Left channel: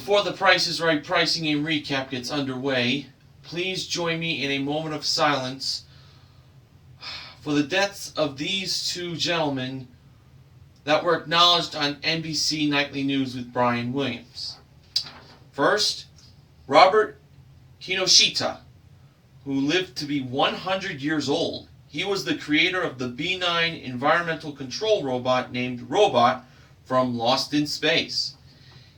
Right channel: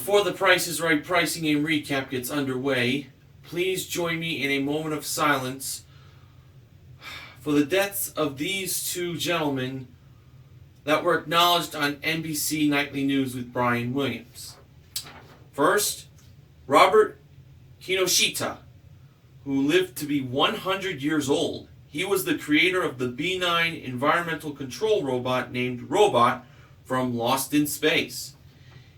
Before the Price is Right pricing game recap gets underway, please join me in a moment of silence for the deaths of these two gentlemen that were acknowledged on NBC Nightly News with Brian Williams. First, Robert Kinoshita, who lived to be 100 years old. He was the creator of the B-9 environmental control robot named Robot from Lost in Space.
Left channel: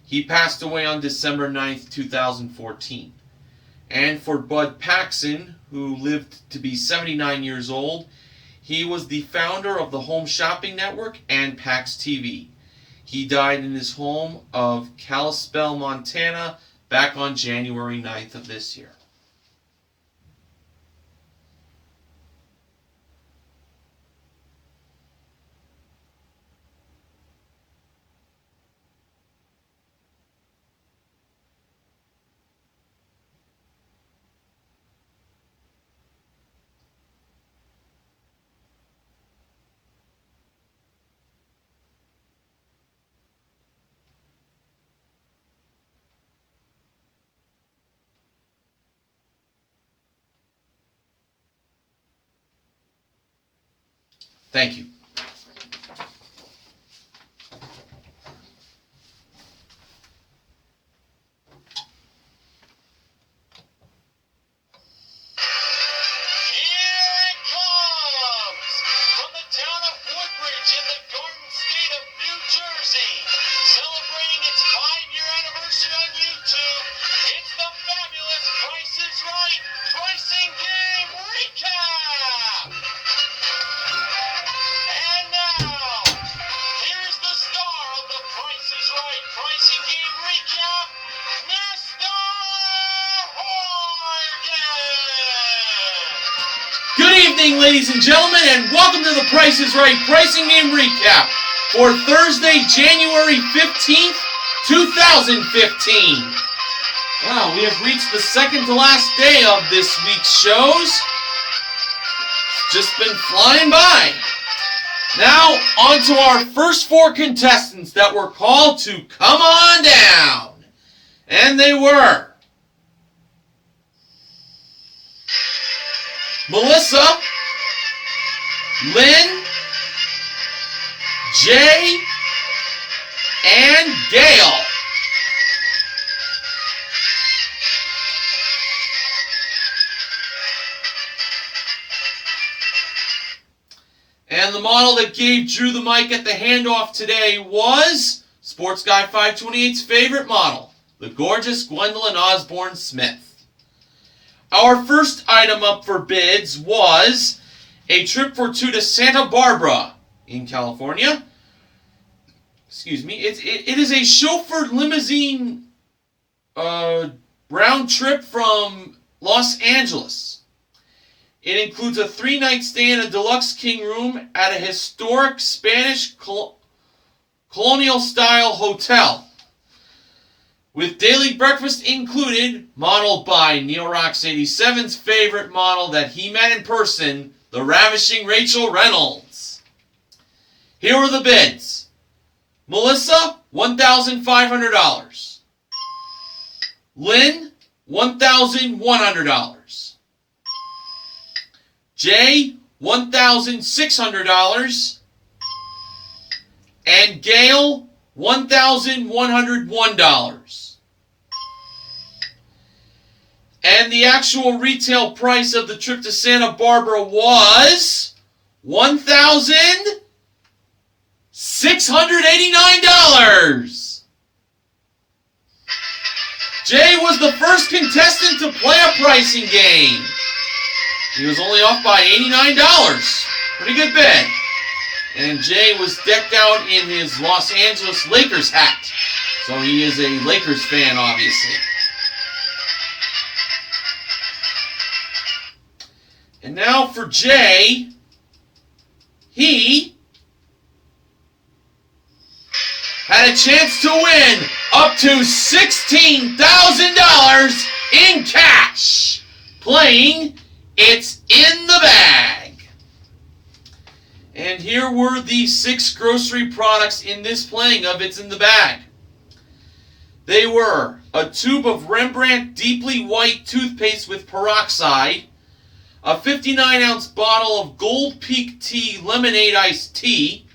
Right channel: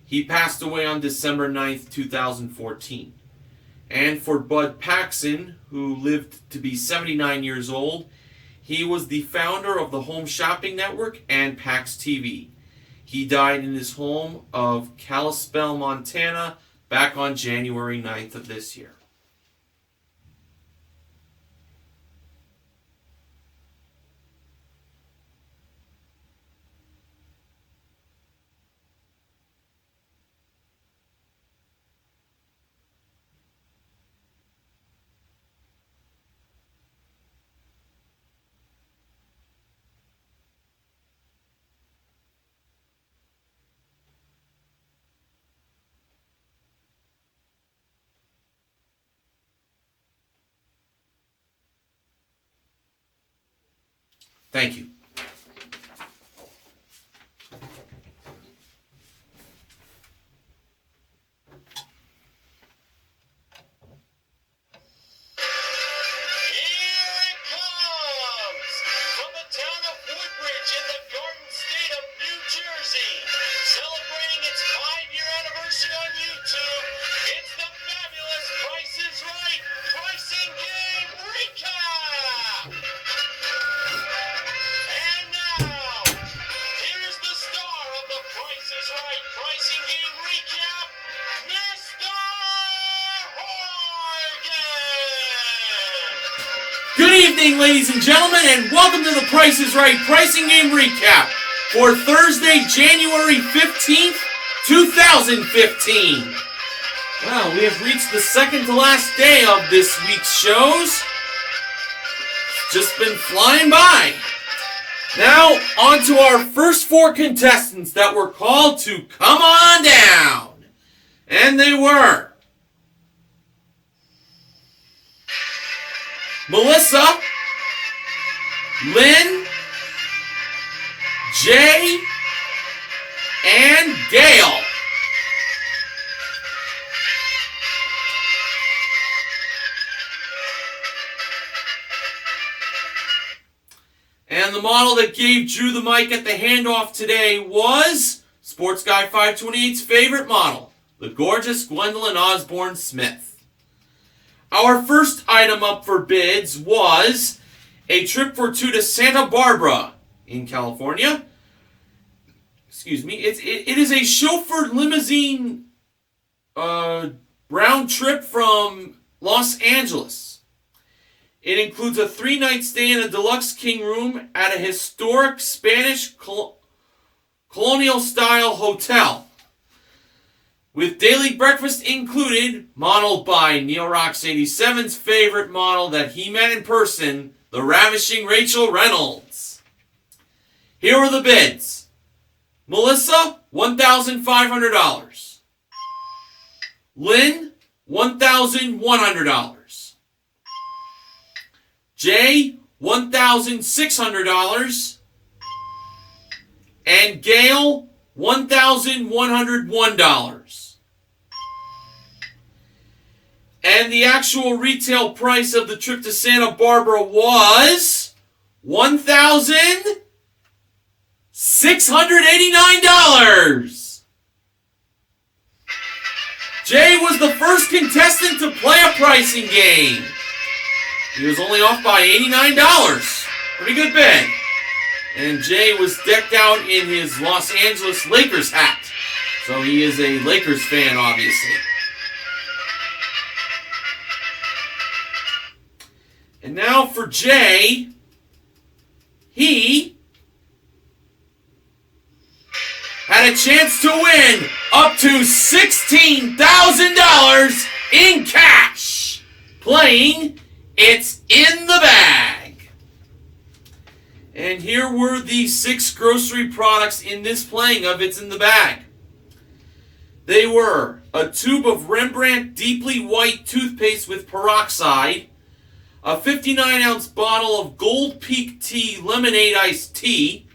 He passed away on December 9th, 2014. And for Bud Paxson, who lived to be 79 years old, he was the founder of the Home Shopping Network and Pax TV. He died in his home of Kalispell, Montana, back on January 9th of this year. Thank you. Good evening, ladies and gentlemen, and welcome to the Price is Right Pricing Game Recap for Thursday, January 15th, 2015. Wow, we have reached the second to last day of this week's shows. It's just been flying by. Now, on to our first four contestants that were called to come on down. And they were Melissa, Lynn, Jay, and Gail. And the model that gave Drew the mic at the handoff today was Sports Guy 528's favorite model, the gorgeous Gwendolyn Osborne Smith. Our first item up for bids was a trip for two to Santa Barbara in California. Excuse me. It is a chauffeured limousine round trip from Los Angeles. It includes a 3-night stay in a deluxe king room at a historic Spanish colonial-style hotel, with daily breakfast included, modeled by Neorox 87's favorite model that he met in person, the ravishing Rachel Reynolds. Here are the bids. Melissa, $1,500. Lynn, $1,100. Jay, $1,600. And Gail, $1,101. And the actual retail price of the trip to Santa Barbara was $1,689. Jay was the first contestant to play a pricing game. He was only off by $89. Pretty good bid. And Jay was decked out in his Los Angeles Lakers hat. So he is a Lakers fan, obviously. And now for Jay, he had a chance to win up to $16,000 in cash, playing It's in the Bag. And here were the 6 grocery products in this playing of It's in the Bag. They were a tube of Rembrandt Deeply White toothpaste with peroxide, a 59-ounce bottle of Gold Peak Tea Lemonade Iced Tea,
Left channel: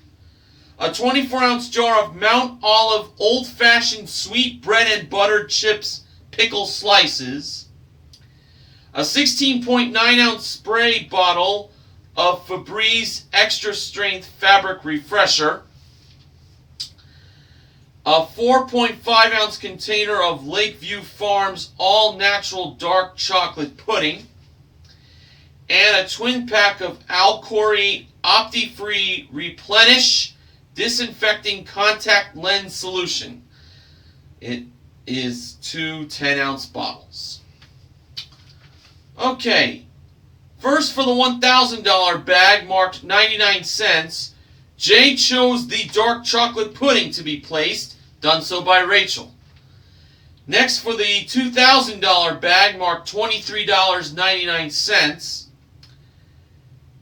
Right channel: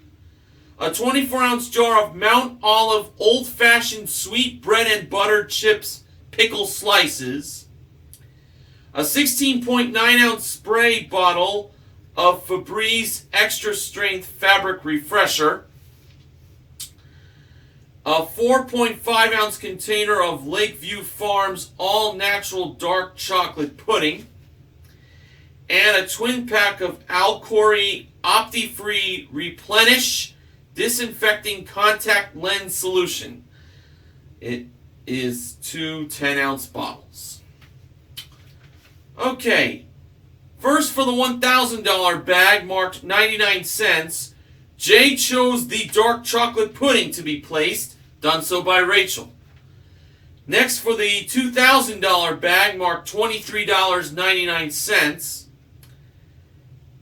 a 24-ounce jar of Mount Olive Old-Fashioned Sweet Bread and Butter Chips Pickle Slices, a 16.9-ounce spray bottle of Febreze Extra Strength Fabric Refresher, a 4.5-ounce container of Lakeview Farms All-Natural Dark Chocolate Pudding, and a twin pack of Alcori Opti-Free Replenish Disinfecting Contact Lens Solution. It is 2 10-ounce bottles. Okay, first for the $1,000 bag marked 99 cents, Jay chose the dark chocolate pudding to be placed, done so by Rachel. Next for the $2,000 bag marked $23.99,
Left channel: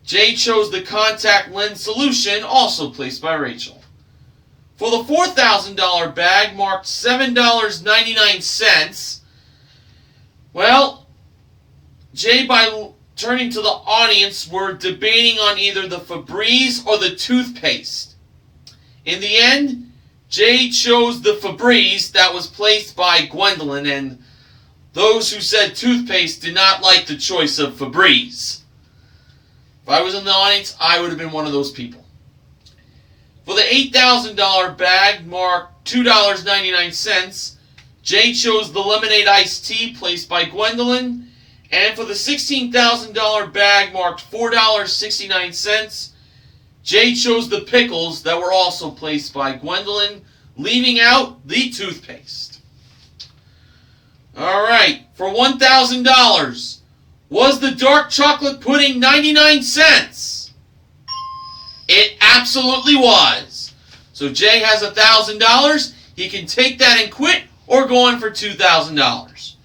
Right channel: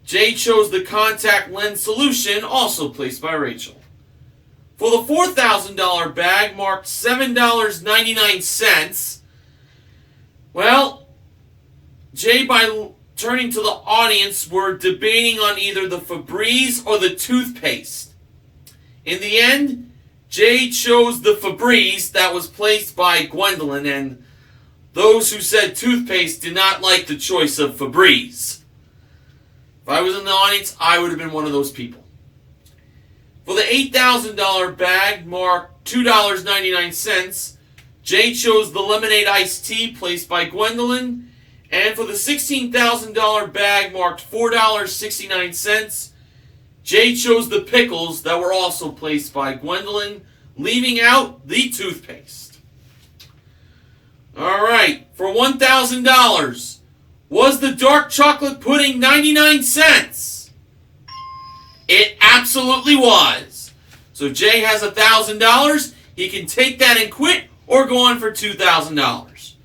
Jay chose the contact lens solution, also placed by Rachel. For the $4,000 bag marked $7.99, well, Jay, by turning to the audience, were debating on either the Febreze or the toothpaste. In the end, Jay chose the Febreze that was placed by Gwendolyn, and those who said toothpaste did not like the choice of Febreze. If I was in the audience, I would have been one of those people. For the $8,000 bag marked $2.99, Jay chose the lemonade iced tea placed by Gwendolyn. And for the $16,000 bag marked $4.69, Jay chose the pickles that were also placed by Gwendolyn, leaving out the toothpaste. Alright, for $1,000, was the dark chocolate pudding 99 cents? It absolutely was. So Jay has $1,000. He can take that and quit or go on for $2,000.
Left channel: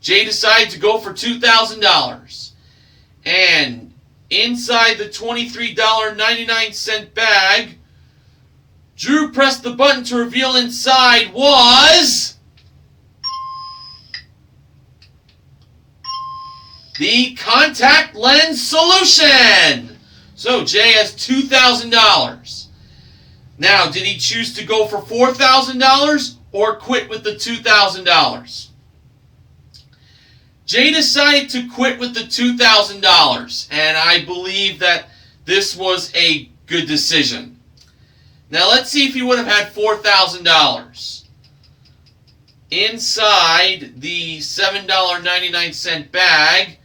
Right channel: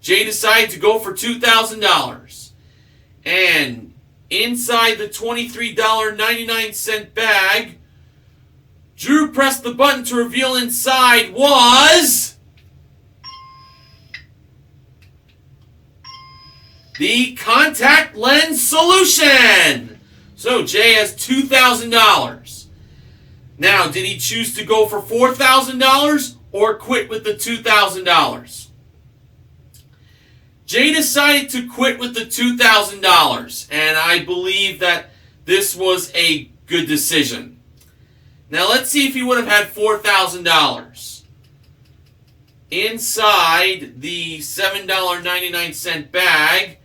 Jay decided to go for $2,000. And inside the $23.99 bag, Drew pressed the button to reveal inside was the contact lens solution. So Jay has $2,000. Now, did he choose to go for $4,000 or quit with the $2,000? Jay decided to quit with the $2,000, and I believe that this was a good decision. Now let's see if he would have had $4,000. Inside the $7.99 bag,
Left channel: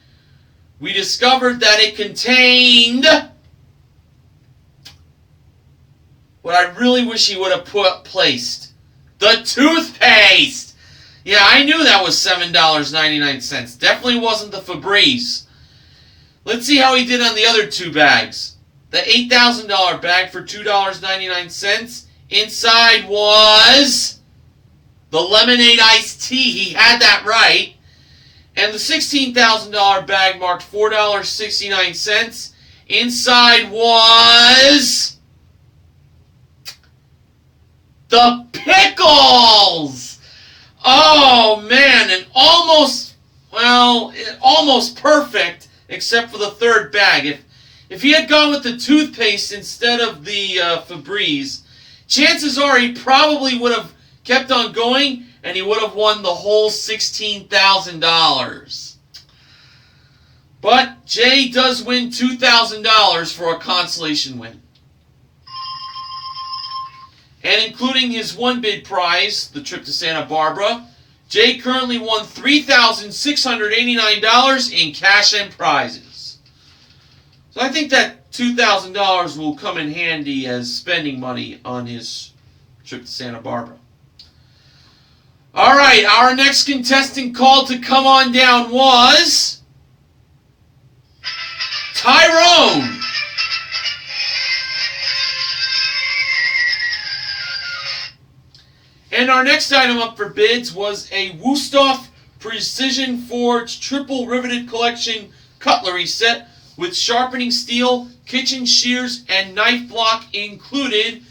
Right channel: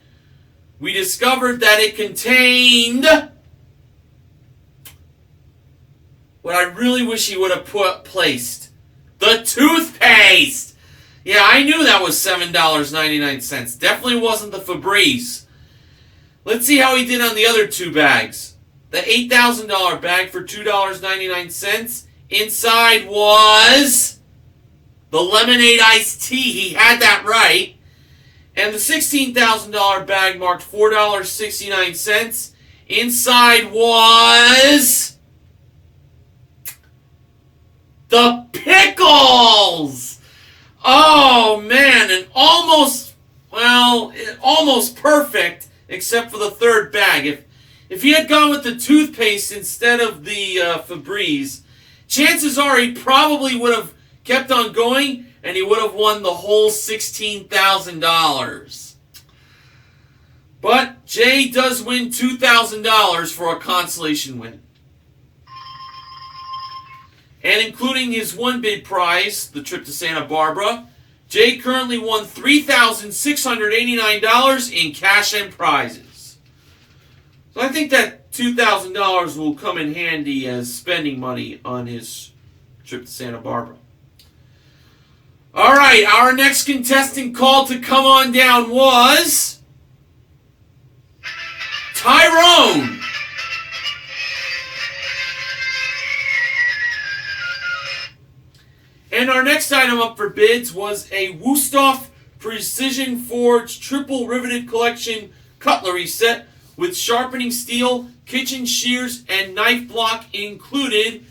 we discovered that it contained what I really wish he would have placed. The toothpaste! Yeah, I knew that was $7.99. Definitely wasn't the Febreze. Let's see how he did on the other two bags. The $8,000 bag for $2.99. Inside was the lemonade iced tea. He had that right. And the $16,000 bag marked $4.69. Inside was the pickles! Oh, man, and almost perfect, except for the third bag. If he had gone with the toothpaste instead of the Febreze, chances are he probably would have kept on going, and he would have won the whole $16,000. But Jay does win $2,000 for a consolation win. And including his one bid prize, the trip to Santa Barbara, Jay currently won $3,689 in cash and prizes. So I think that $2,000 will come in handy as spending money on his trip to Santa Barbara. Alright, our next contestant called to come on down was Tyrone. And our next item up for bids was a Wusthof Precision Forge Triple Riveted Collection cutlery set with sharpening steel, kitchen shears, and knife block included,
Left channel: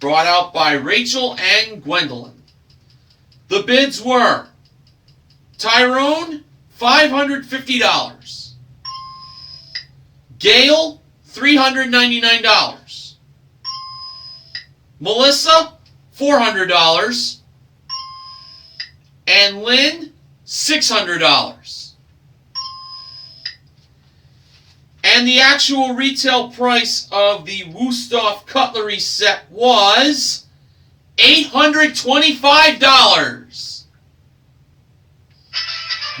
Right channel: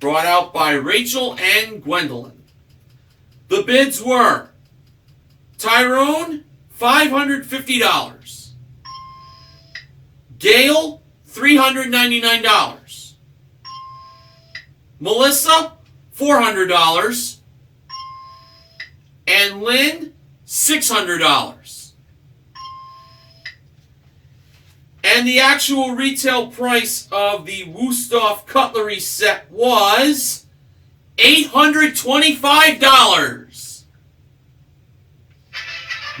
brought out by Rachel and Gwendolyn. The bids were Tyrone, $550. Gail, $399. Melissa, $400. And Lynn, $600. And the actual retail price of the Wusthof cutlery set was $825.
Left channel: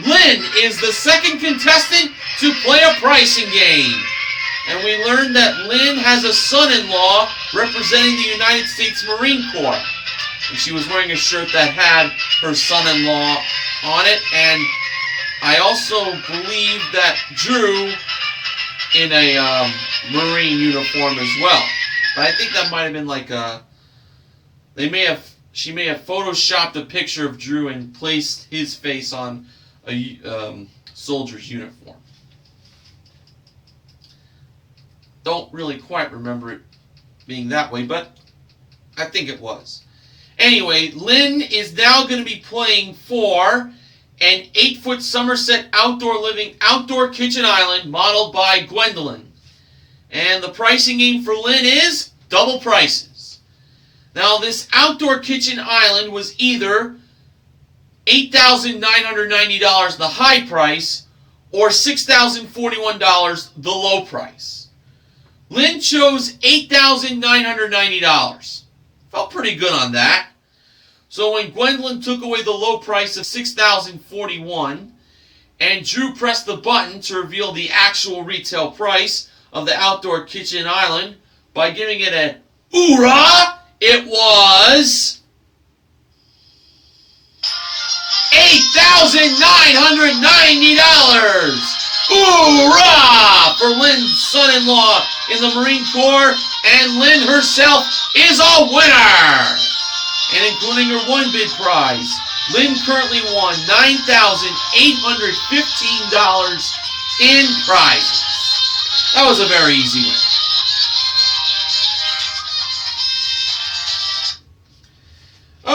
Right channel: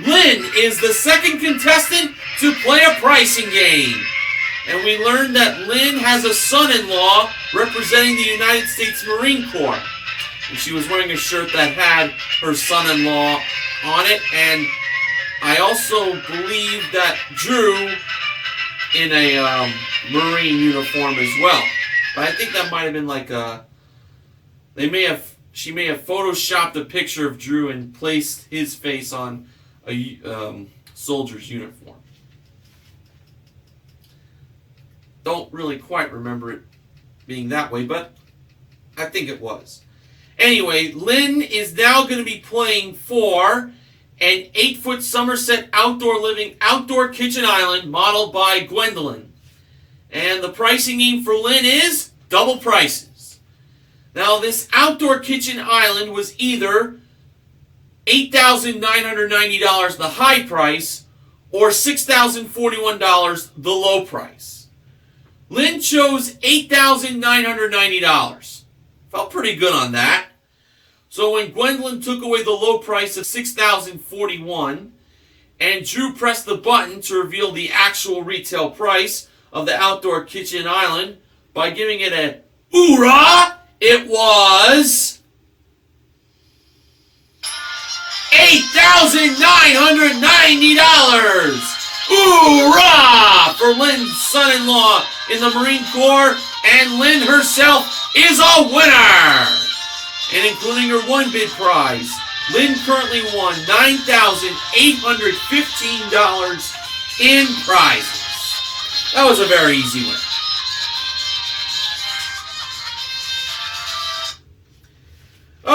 Lynn is the second contestant to play a pricing game. And we learned that Lynn has a son-in-law representing the United States Marine Corps. And she was wearing a shirt that had her son-in-law on it. And I also believe that Drew in a Marine uniform as well. But I think that might have been like a... She may have photoshopped a picture of Drew and placed his face on a soldier's uniform. Don't really quite remember it being that way, but I think it was. Anyway, Lynn is now going to be playing for an 8-foot Somerset outdoor living outdoor kitchen island modeled by Gwendolyn. And the pricing game for Lynn is double prices. Now, this outdoor kitchen island was either $8,990, the high price, or $6,041, the low price. Lynn chose $8,990. Felt pretty good on that. So when Gwendolyn took away the low price of $6,041 and Drew pressed the button to reveal the actual retail price of the outdoor kitchen island by giving it a hoorah, it was $8,990. Hoorah for Lynn's son-in-law in the Marine Corps, and Lynn herself is a winner. And including her one bid prize, Lynn currently won $9,815 in prizes. That was a very easy win.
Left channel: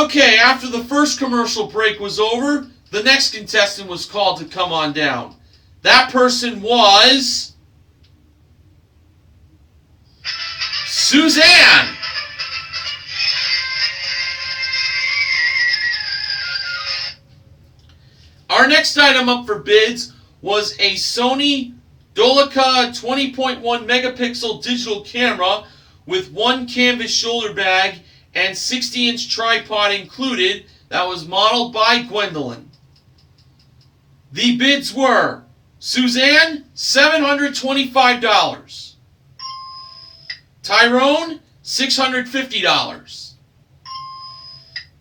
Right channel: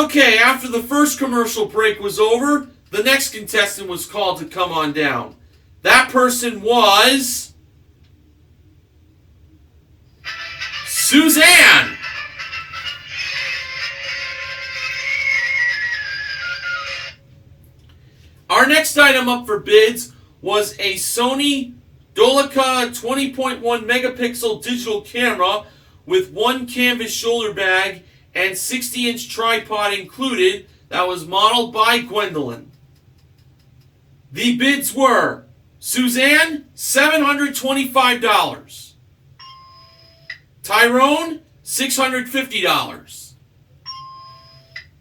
Okay, after the first commercial break was over, the next contestant was called to come on down. That person was Suzanne. Our next item up for bids was a Sony Dolica 20.1 megapixel digital camera with one canvas shoulder bag and 60-inch tripod included that was modeled by Gwendolyn. The bids were Suzanne, $725. Tyrone, $650.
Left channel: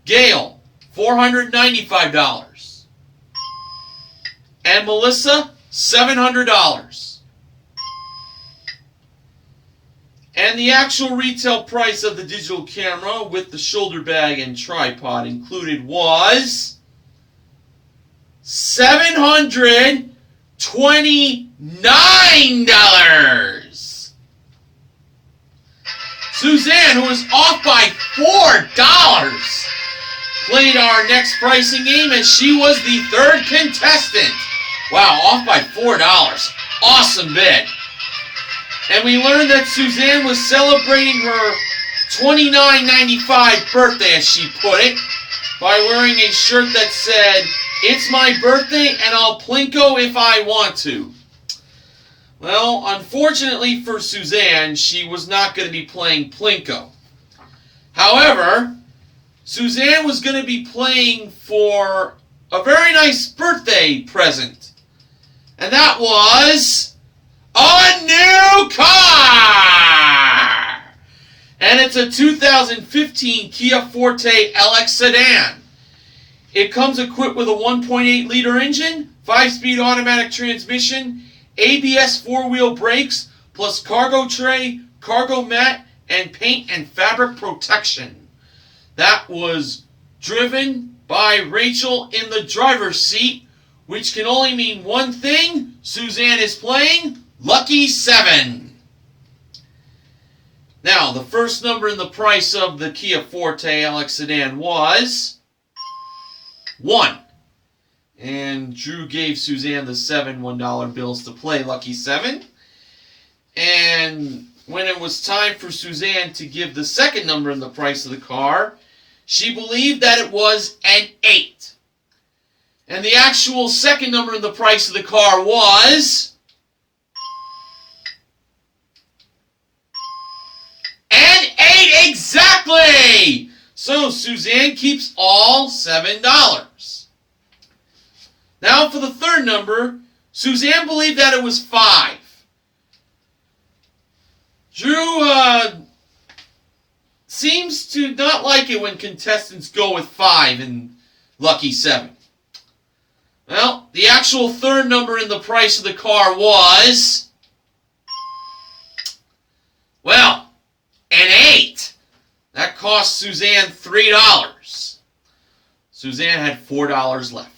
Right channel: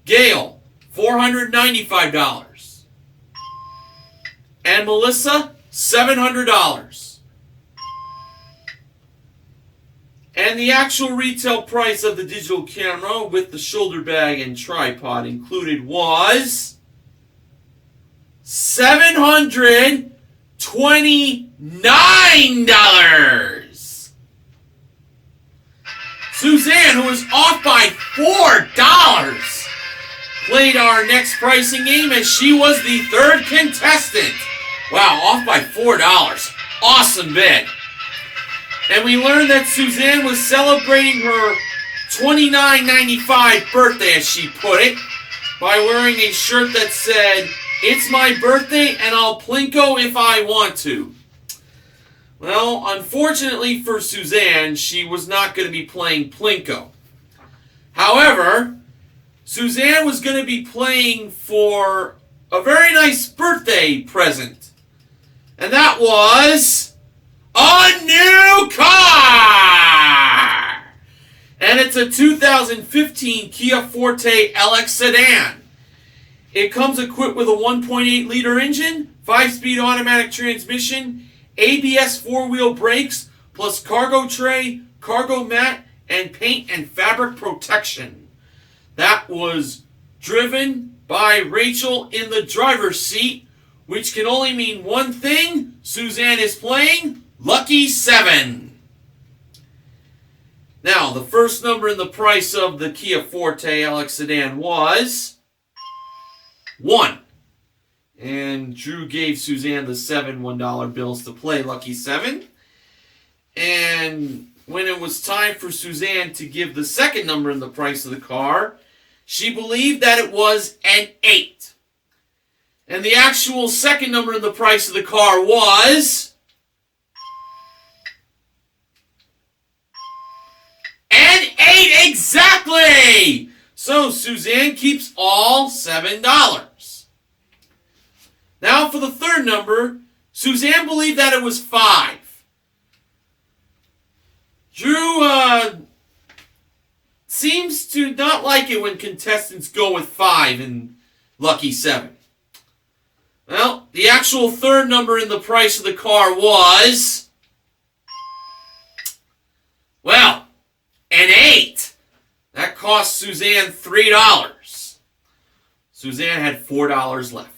Gail, $495. And Melissa, $700. And the actual retail price of the digital camera with the shoulder bag and tripod included was $729. Suzanne, who was off by $4, played our next pricing game, and she was the third contestant. Wow, off by $4. Awesome bid. And we learned that Suzanne was celebrating her $29.95 birthday, as she put it, by wearing a shirt that said, "It's my birthday and I'll plinko if I want to." Well, unfortunately for Suzanne, she was not going to be playing plinko. However, Suzanne was going to be playing for a very nice birthday present. And that was a new car! And it's a 2015 Kia Forte LX sedan. It comes equipped with a 1.8-liter engine, 5-speed automatic transmission, ABS 4-wheel brakes, plus cargo tray, cargo mat, and paint and fabric protection. That was driven by Rachel in the driver's seat, which can only mean one thing: Suzanne is playing Lucky 7. Now, the first number in the price of the Kia Forte LX sedan was 1. And Drew gave Suzanne the 7 $1 bills to play Lucky 7. And when it was time for Suzanne to give the second number in the price of the car, she believed that it was an 8. And the actual second number in the price of the car was an 8 exactly! So Suzanne keeps all $7. Now for the third number, Suzanne believed that it was 5. Drew seems to not like it when contestants go with 5 in Lucky 7. Well, the actual third number in the price of the car was, well, an 8. That cost Suzanne $3. Suzanne had $4 left.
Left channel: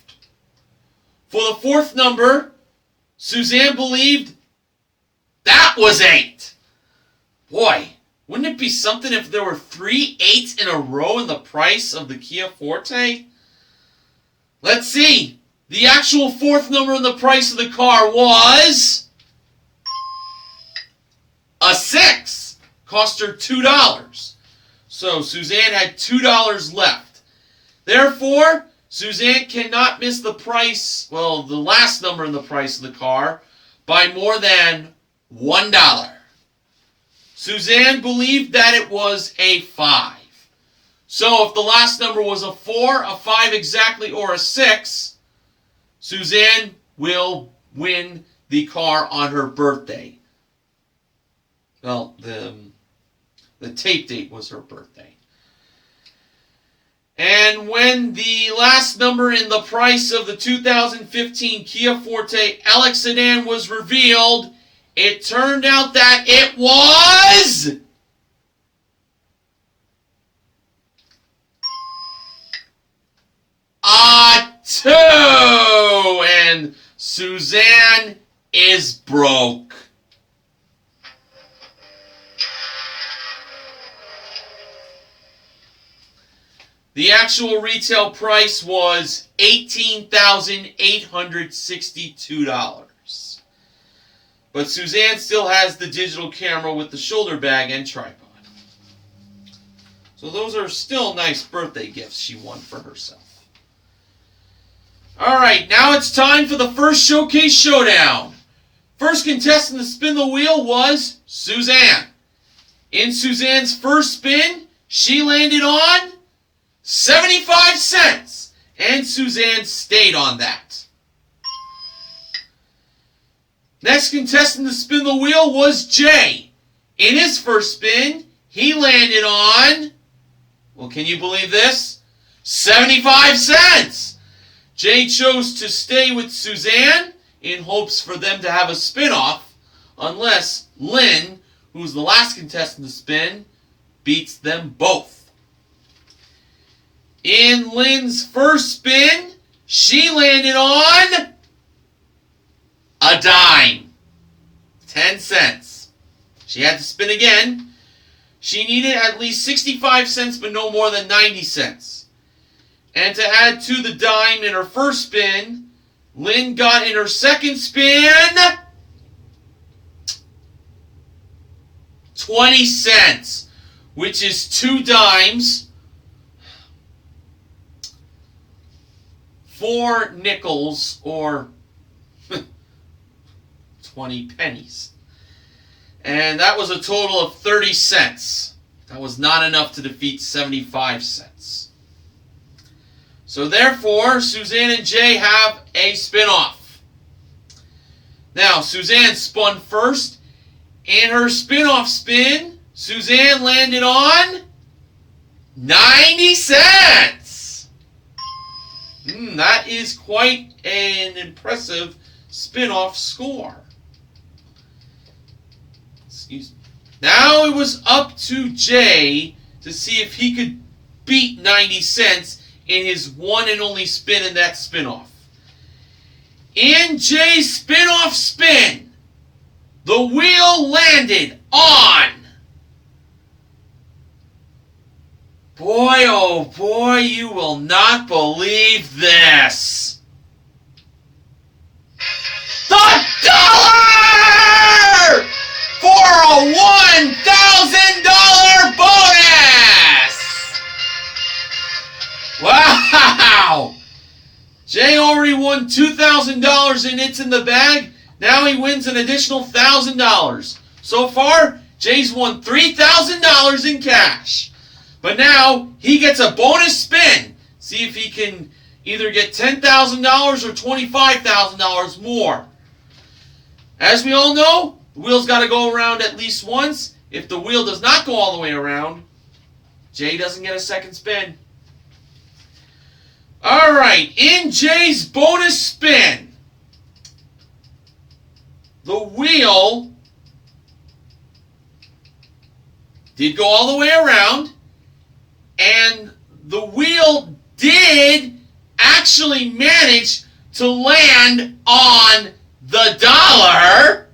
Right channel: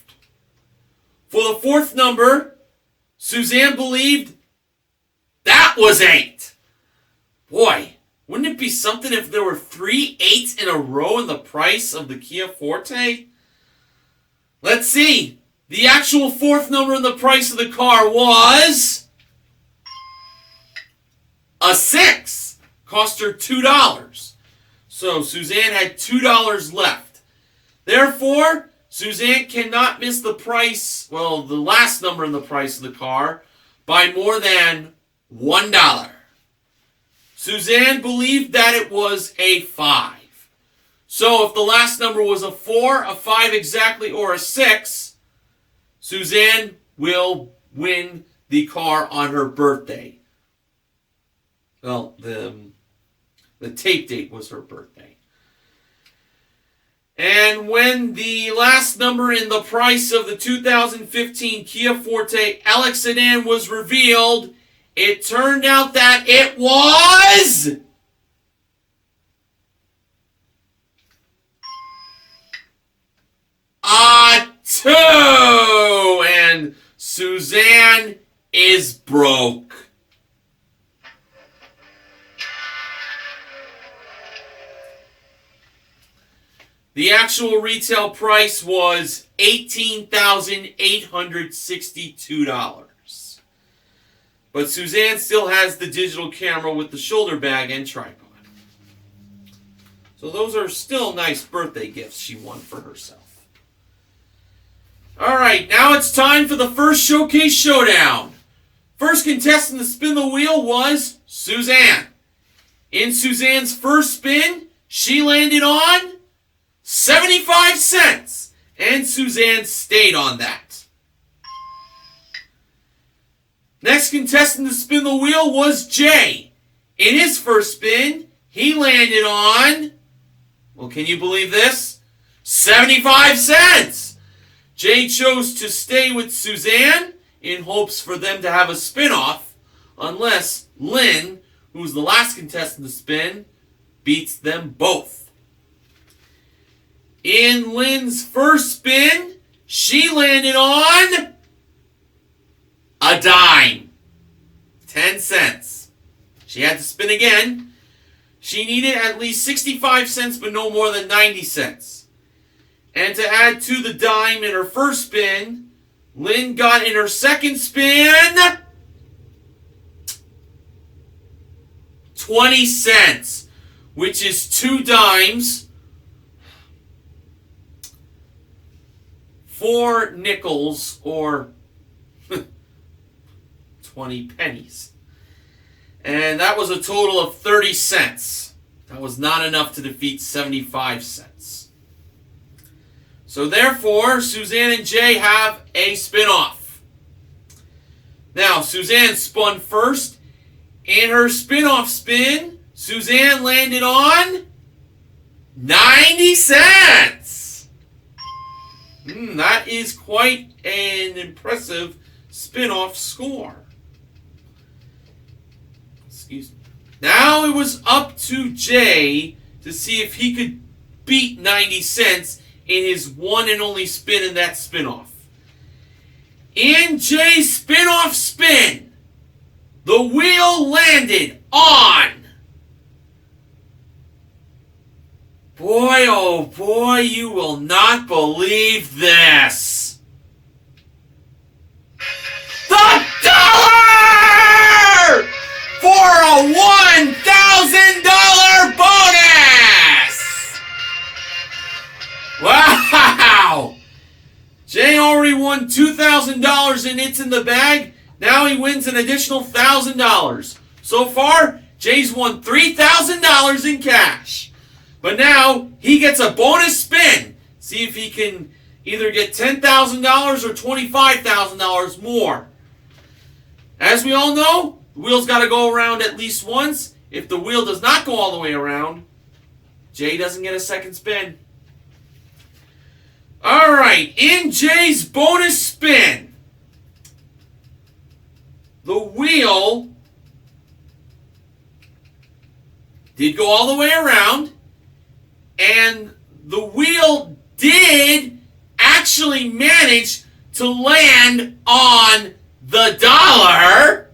For the fourth number, Suzanne believed that was 8. Boy, wouldn't it be something if there were 3 8s in a row in the price of the Kia Forte? Let's see. The actual fourth number in the price of the car was a 6. Cost her $2. So Suzanne had $2 left. Therefore, Suzanne cannot miss the price, well, the last number in the price of the car, by more than $1. Suzanne believed that it was a 5. So if the last number was a 4, a 5 exactly, or a 6, Suzanne will win the car on her birthday. Well, the tape date was her birthday. And when the last number in the price of the 2015 Kia Forte LX sedan was revealed, it turned out that it was a 2. And Suzanne is broke. The actual retail price was $18,862. But Suzanne still has the digital camera with the shoulder bag and tripod. So those are still nice birthday gifts she won for herself. Alright, now it's time for the first showcase showdown. First contestant to spin the wheel was Suzanne. In Suzanne's first spin, she landed on 75 cents, and Suzanne stayed on that. Next contestant to spin the wheel was Jay. In his first spin, he landed on, well, can you believe this? 75 cents. Jay chose to stay with Suzanne in hopes for them to have a spin-off, unless Lynn, who's the last contestant to spin, beats them both. In Lynn's first spin, she landed on a dime. 10 cents. She had to spin again. She needed at least 65 cents, but no more than 90 cents. And to add to the dime in her first spin, Lynn got in her second spin 20 cents, which is 2 dimes, 4 nickels, or 20 pennies. And that was a total of 30 cents. That was not enough to defeat 75 cents. So therefore, Suzanne and Jay have a spin-off. Now, Suzanne spun first. In her spin-off spin, Suzanne landed on 90 cents. That is quite an impressive spin-off score. Excuse me. Now it was up to Jay to see if he could beat 90 cents in his one and only spin in that spin-off. In Jay's spin-off spin, the wheel landed on, boy, oh boy, you will not believe this. bonus! The dollar! For a $1,000 bonus! Wow! Jay already won $2,000 in It's in the Bag. Now he wins an additional $1,000. So far, Jay's won $3,000 in cash. But now he gets a bonus spin. See if he can either get $10,000 or $25,000 more. As we all know, the wheel's got to go around at least once. If the wheel does not go all the way around, Jay doesn't get a second spin. Alright, in Jay's bonus spin, the wheel did go all the way around, and the wheel did actually manage to land on the dollar.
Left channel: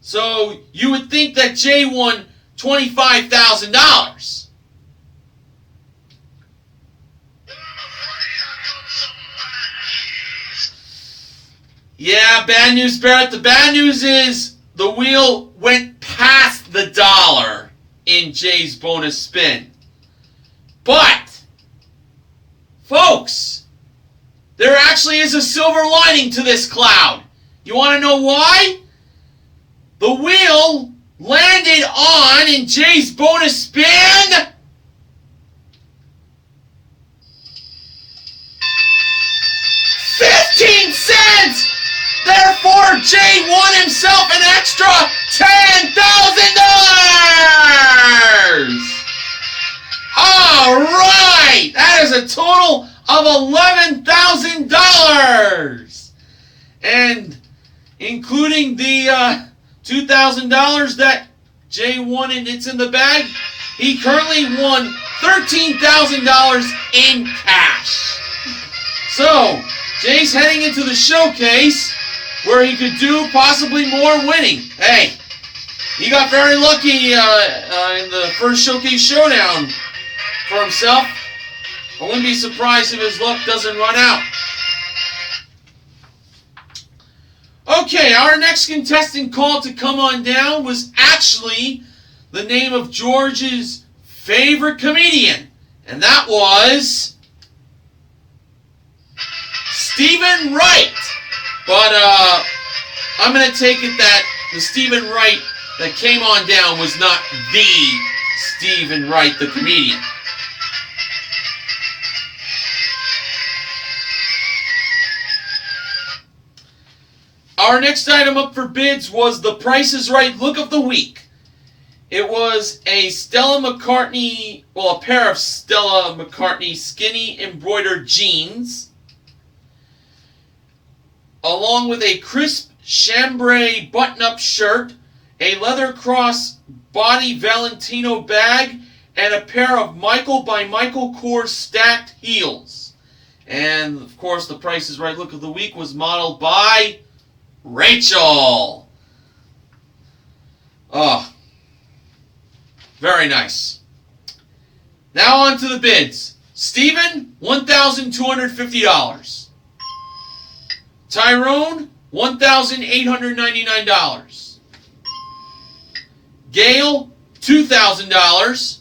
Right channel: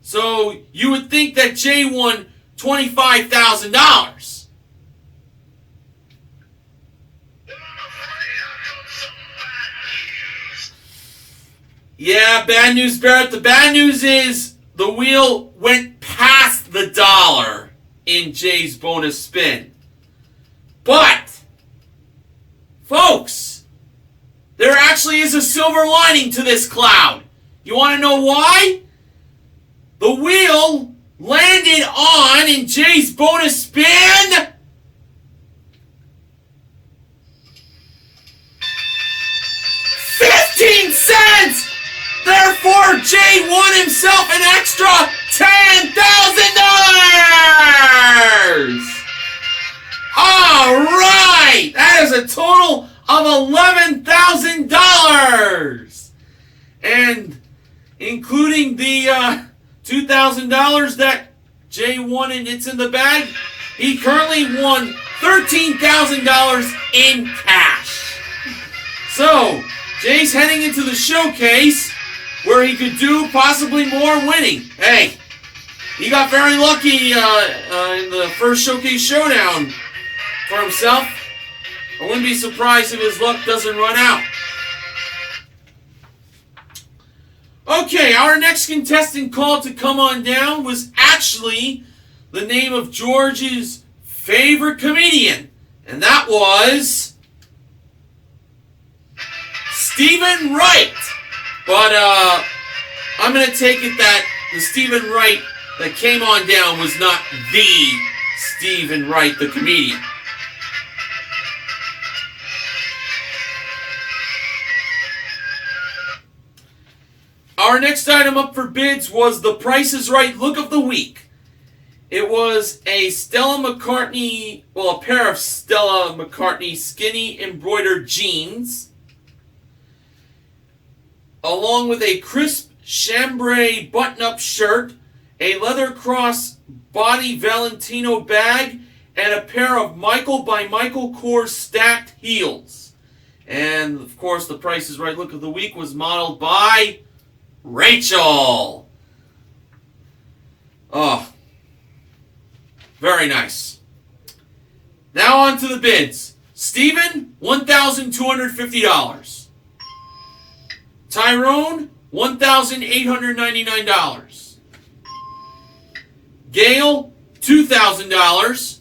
So you would think that Jay won $25,000. Yeah, bad news, Barrett. The bad news is the wheel went past the dollar in Jay's bonus spin. But, folks, there actually is a silver lining to this cloud. You want to know why? The wheel landed on, in Jay's bonus spin, $0.15! Therefore, Jay won himself an extra $10,000! Alright! That is a total of $11,000! And including the $2,000 that Jay won in It's in the Bag, he currently won $13,000 in cash. So, Jay's heading into the showcase where he could do possibly more winning. Hey, he got very lucky in the first showcase showdown for himself. I wouldn't be surprised if his luck doesn't run out. Okay, our next contestant called to come on down was actually the name of George's favorite comedian, and that was Stephen Wright. But I'm going to take it that the Stephen Wright that came on down was not the Stephen Wright, the comedian. Our next item up for bids was the Price is Right Look of the Week. It was a Stella McCartney, well, a pair of Stella McCartney skinny embroidered jeans, along with a crisp chambray button-up shirt, a leather cross body Valentino bag, and a pair of Michael by Michael Kors stacked heels. And, of course, the Price is Right Look of the Week was modeled by Rachel. Oh, very nice. Now on to the bids. Stephen, $1,250. Tyrone, $1,899. Gail, $2,000.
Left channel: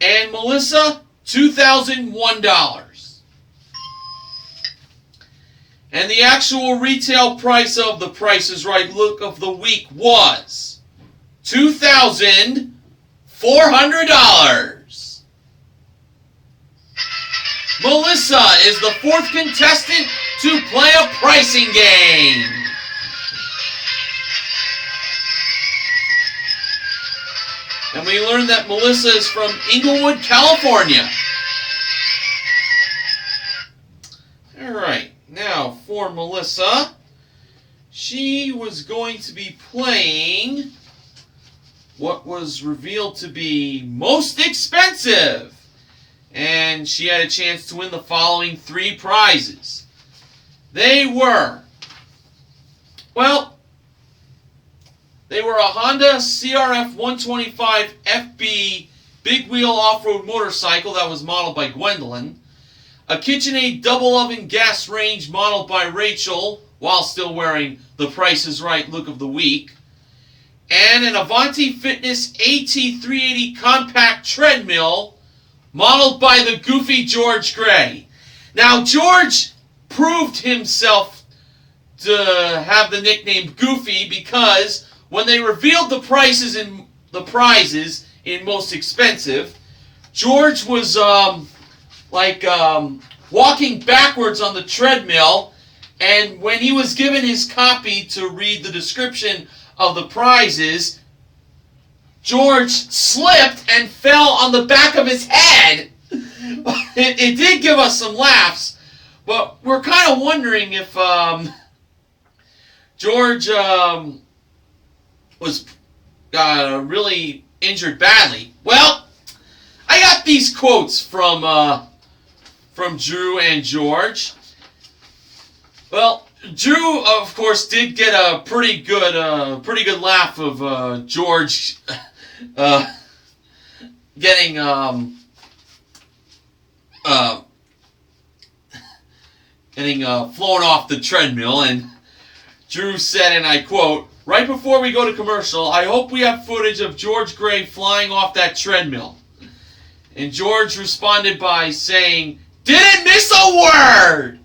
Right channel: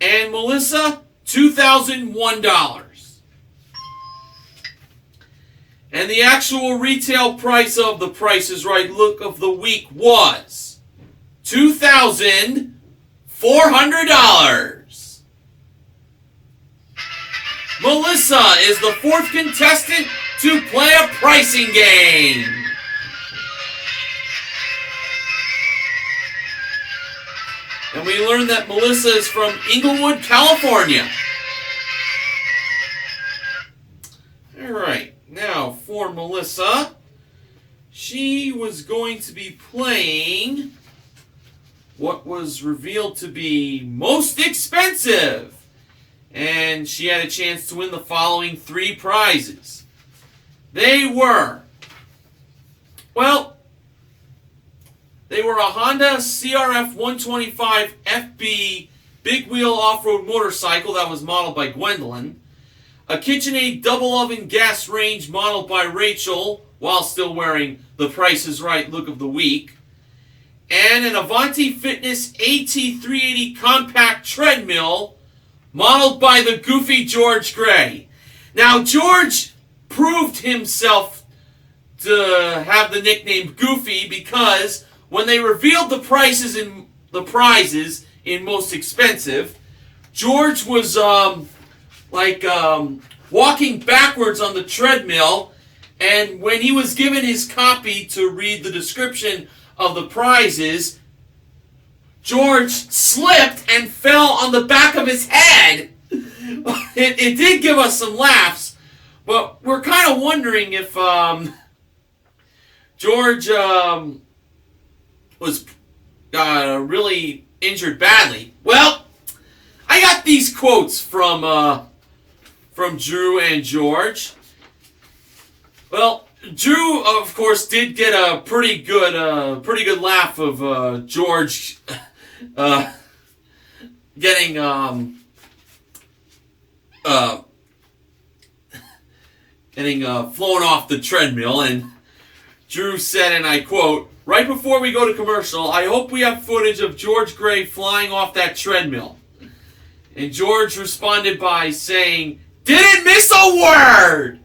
And Melissa, $2,001. And the actual retail price of the Price is Right Look of the Week was $2,400. Melissa is the fourth contestant to play a pricing game. And we learned that Melissa is from Inglewood, California. Alright, now for Melissa, she was going to be playing what was revealed to be most expensive. And she had a chance to win the following three prizes. They were, well, they were a Honda CRF 125 FB big wheel off-road motorcycle that was modeled by Gwendolyn, a KitchenAid double oven gas range modeled by Rachel while still wearing the Price is Right look of the week, and an Avanti Fitness AT380 compact treadmill modeled by the goofy George Gray. Now, George proved himself to have the nickname Goofy because when they revealed the prizes in Most Expensive, George was walking backwards on the treadmill, and when he was given his copy to read the description of the prizes, George slipped and fell on the back of his head. It did give us some laughs, but we're kind of wondering if George was really injured badly. Well, I got these quotes from Drew and George. Well, Drew, of course, did get a pretty good laugh of George getting flown off the treadmill, and Drew said, and I quote, "Right before we go to commercial, I hope we have footage of George Gray flying off that treadmill." And George responded by saying, "Didn't miss a word!"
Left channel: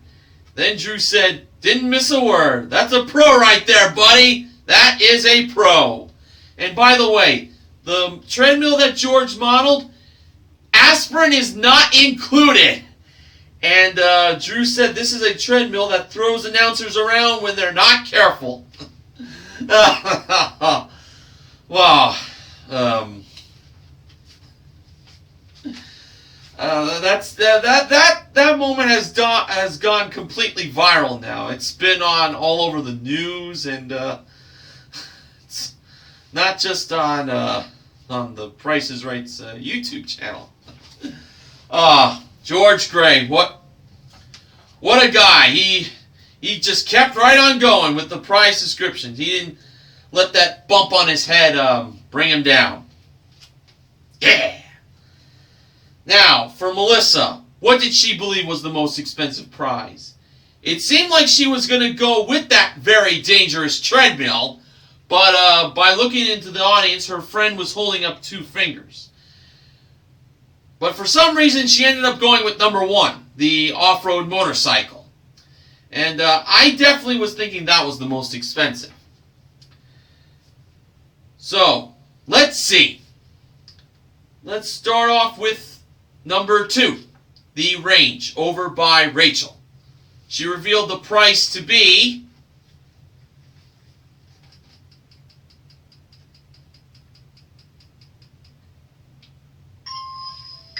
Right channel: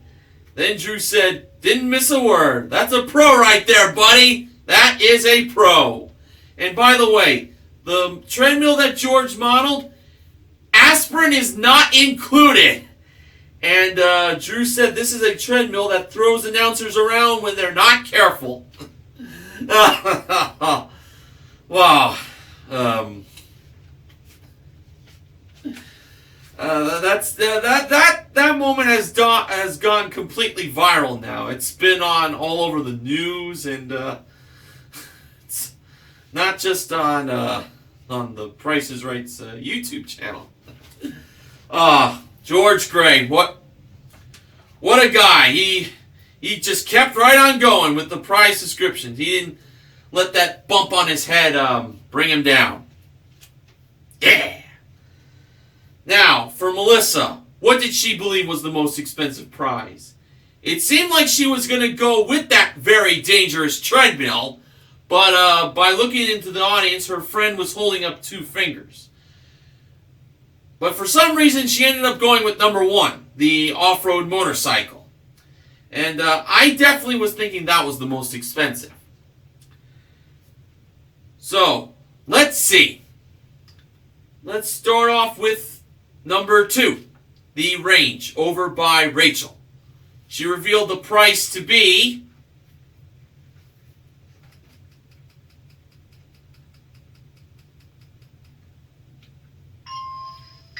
Then Drew said, "Didn't miss a word. That's a pro right there, buddy. That is a pro." And by the way, the treadmill that George modeled, aspirin is not included. And Drew said this is a treadmill that throws announcers around when they're not careful. Wow. That moment has gone completely viral now. It's been on all over the news, and it's not just on the Price is Right's YouTube channel. George Gray, what a guy. He just kept right on going with the prize descriptions. He didn't let that bump on his head bring him down. Yeah. Now, for Melissa, what did she believe was the most expensive prize? It seemed like she was going to go with that very dangerous treadmill, but by looking into the audience, her friend was holding up 2 fingers. But for some reason, she ended up going with number 1, the off-road motorcycle. And I definitely was thinking that was the most expensive. So, let's see. Let's start off with number 2, the Range, over by Rachel. She revealed the price to be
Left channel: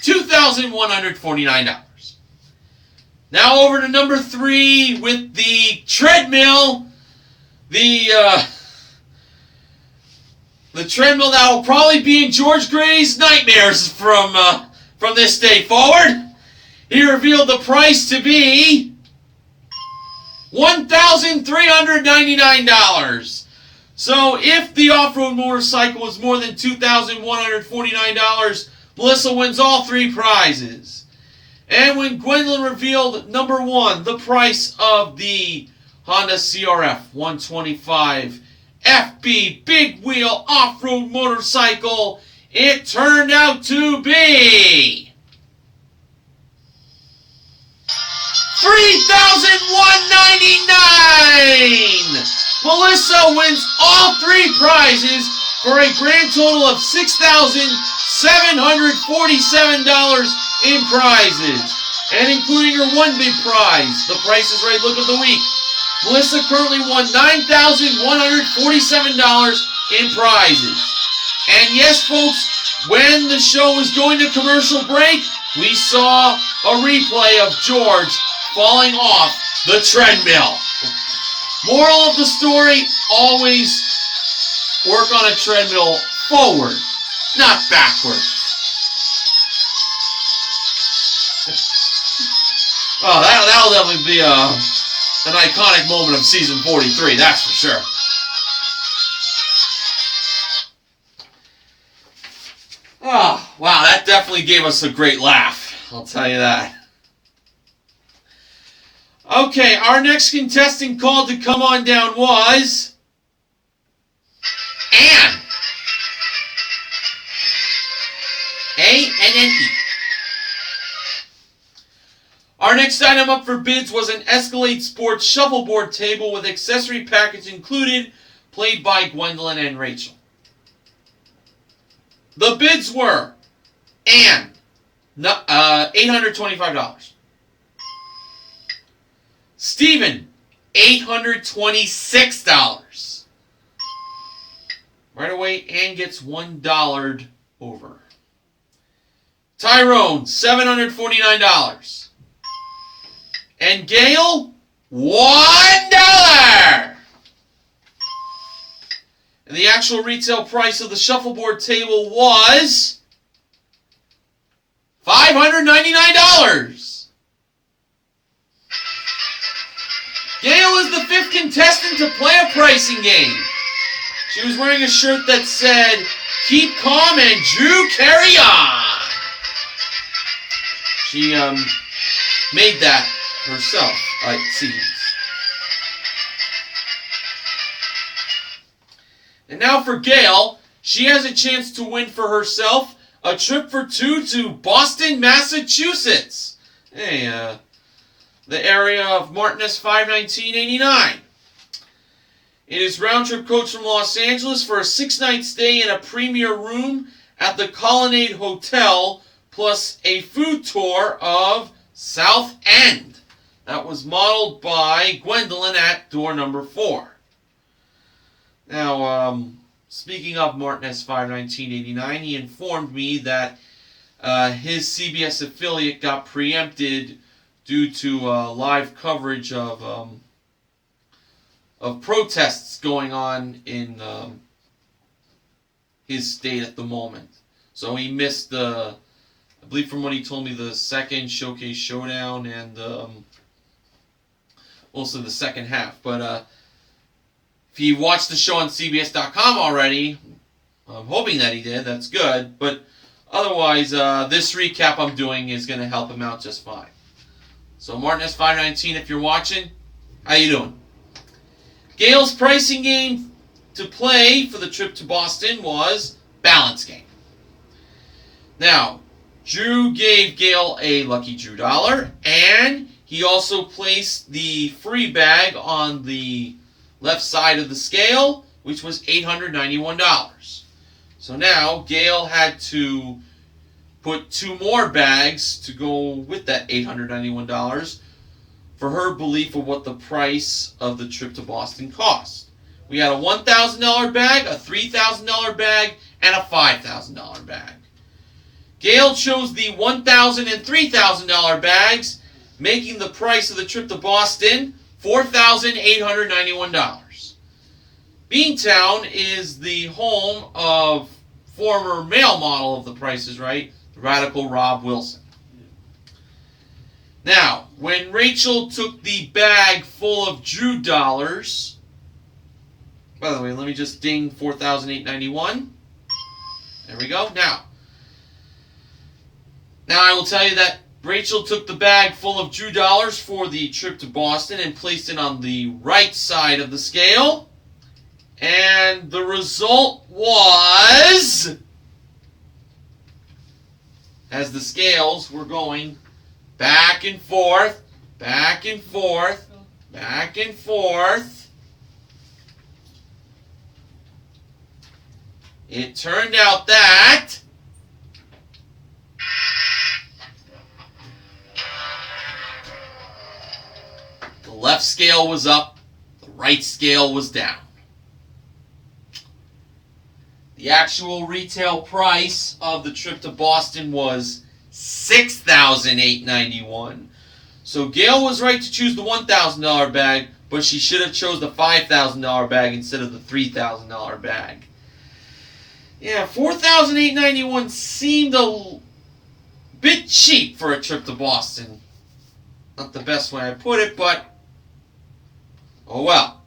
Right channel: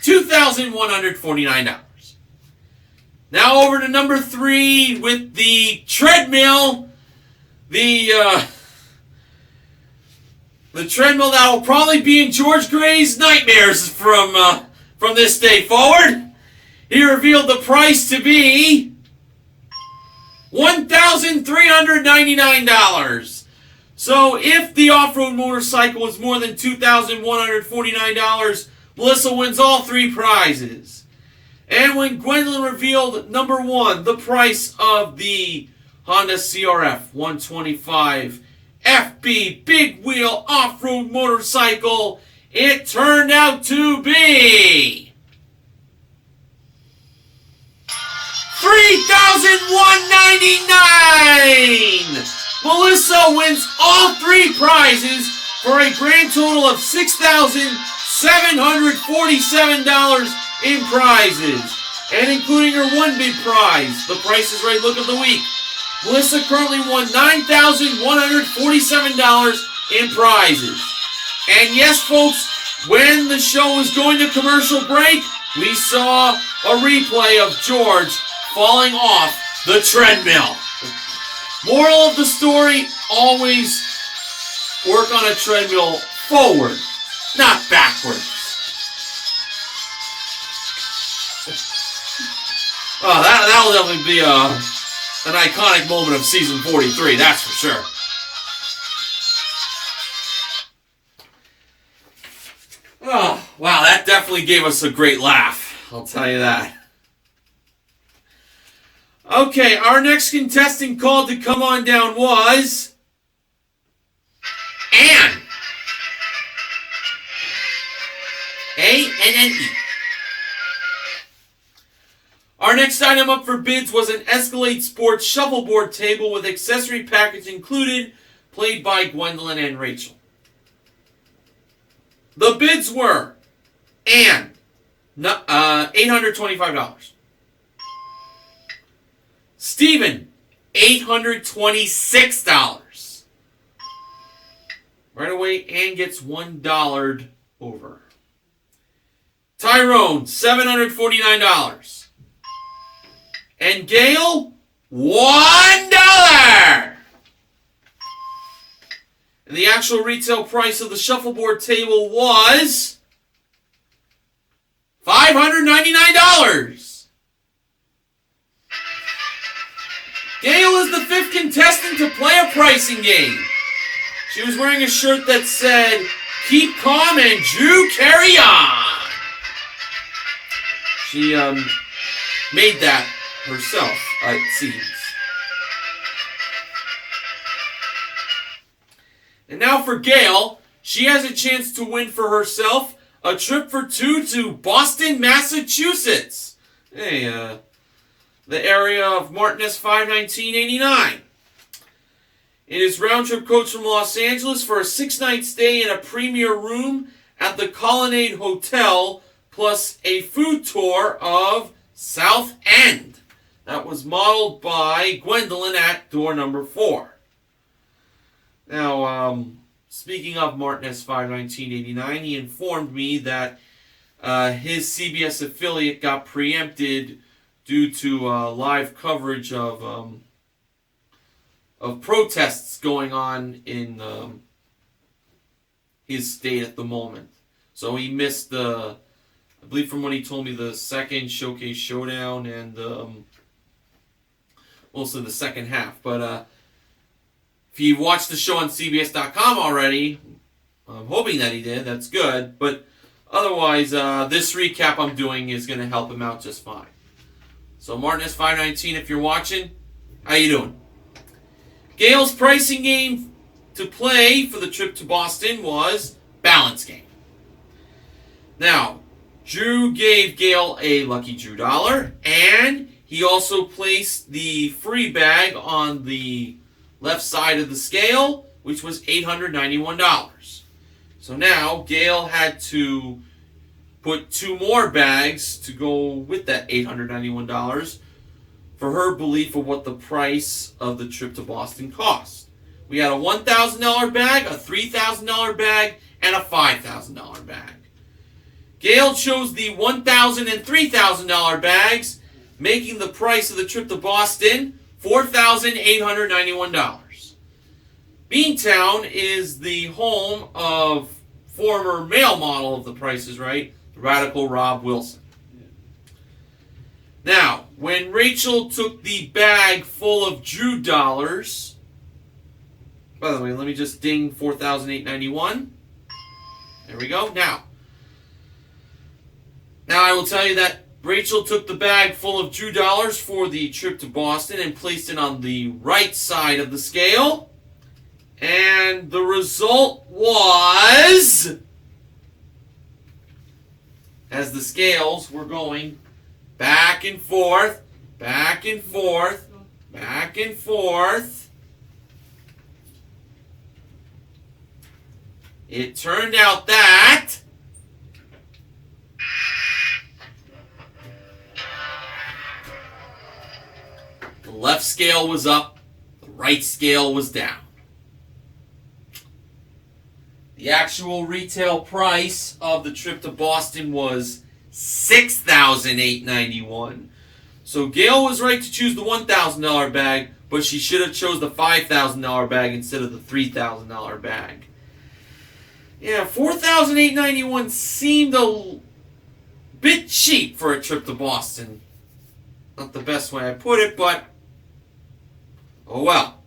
$2,149. Now over to number 3 with the treadmill, the treadmill that will probably be in George Gray's nightmares from this day forward. He revealed the price to be $1,399. So if the off-road motorcycle is more than $2,149, Melissa wins all 3 prizes. And when Gwendolyn revealed number 1, the price of the Honda CRF 125 FB big wheel off-road motorcycle, it turned out to be $3,199! Melissa wins all 3 prizes for a grand total of $6,747 in prizes. And including her 1 big prize, the Price is Right look of the week, Melissa currently won $9,147 in prizes. And yes, folks, when the show was going to commercial break, we saw a replay of George falling off the treadmill. Moral of the story, always work on a treadmill forward, not backwards. Oh, that'll definitely be an iconic moment of season 43, that's for sure. Oh, wow, that definitely gave us a great laugh. I'll tell you that. Okay, our next contestant called to come on down was Anne. A-N-N-E. Our next item up for bids was an Escalade Sports shuffleboard table with accessory package included, played by Gwendolyn and Rachel. The bids were Anne, $825. Stephen, $826. Right away, Anne gets $1 over. Tyrone, $749. And Gail, $1. And the actual retail price of the shuffleboard table was $599. Gail is the fifth contestant to play a pricing game. She was wearing a shirt that said, "Keep calm and Drew carry on." She made that herself, it seems. And now for Gail, she has a chance to win for herself a trip for two to Boston, Massachusetts. Hey, the area of Martinez 51989. It is round-trip coach from Los Angeles for a 6-night stay in a premier room at the Colonnade Hotel, plus a food tour of South End. That was modeled by Gwendolyn at door number 4. Now, speaking of Martinez 51989, he informed me that his CBS affiliate got preempted due to live coverage of protests going on in his state at the moment. So he missed I believe from what he told me, the second Showcase Showdown and also the second half. But if you watched the show on CBS.com already, I'm hoping that he did. That's good. But otherwise, this recap I'm doing is going to help him out just fine. So Martinez 519, if you're watching, how you doing? Gail's pricing game to play for the trip to Boston was balance game. Now, Drew gave Gail a Lucky Drew dollar, and he also placed the free bag on the left side of the scale, which was $891. So now Gail had to put 2 more bags to go with that $891 for her belief of what the price of the trip to Boston cost. We had a $1,000 bag, a $3,000 bag, and a $5,000 bag. Gail chose the $1,000 and $3,000 bags, making the price of the trip to Boston $4,891. Beantown is the home of former male model of The Price is Right, Radical Rob Wilson. Now, when Rachel took the bag full of Drew dollars, by the way, let me just ding $4,891. There we go. Now I will tell you that Rachel took the bag full of Drew dollars for the trip to Boston and placed it on the right side of the scale. And the result was, as the scales were going back and forth, back and forth, back and forth, it turned out that the left scale was up, the right scale was down. The actual retail price of the trip to Boston was $6,891. So Gail was right to choose the $1,000 bag, but she should have chose the $5,000 bag instead of the $3,000 bag. Yeah, $4,891 seemed a bit cheap for a trip to Boston. Not the best way I put it, but oh well.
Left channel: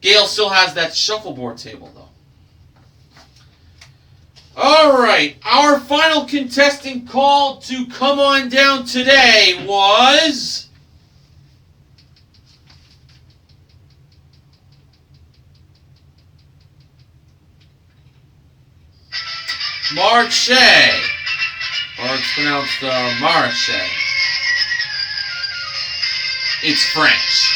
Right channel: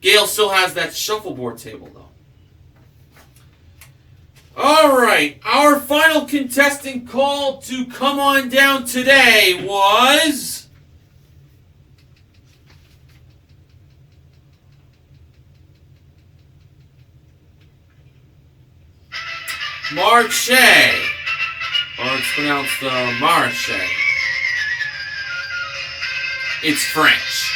Gail still has that shuffleboard table, though. Alright, our final contestant called to come on down today was Marche. Or it's pronounced Marche. It's French.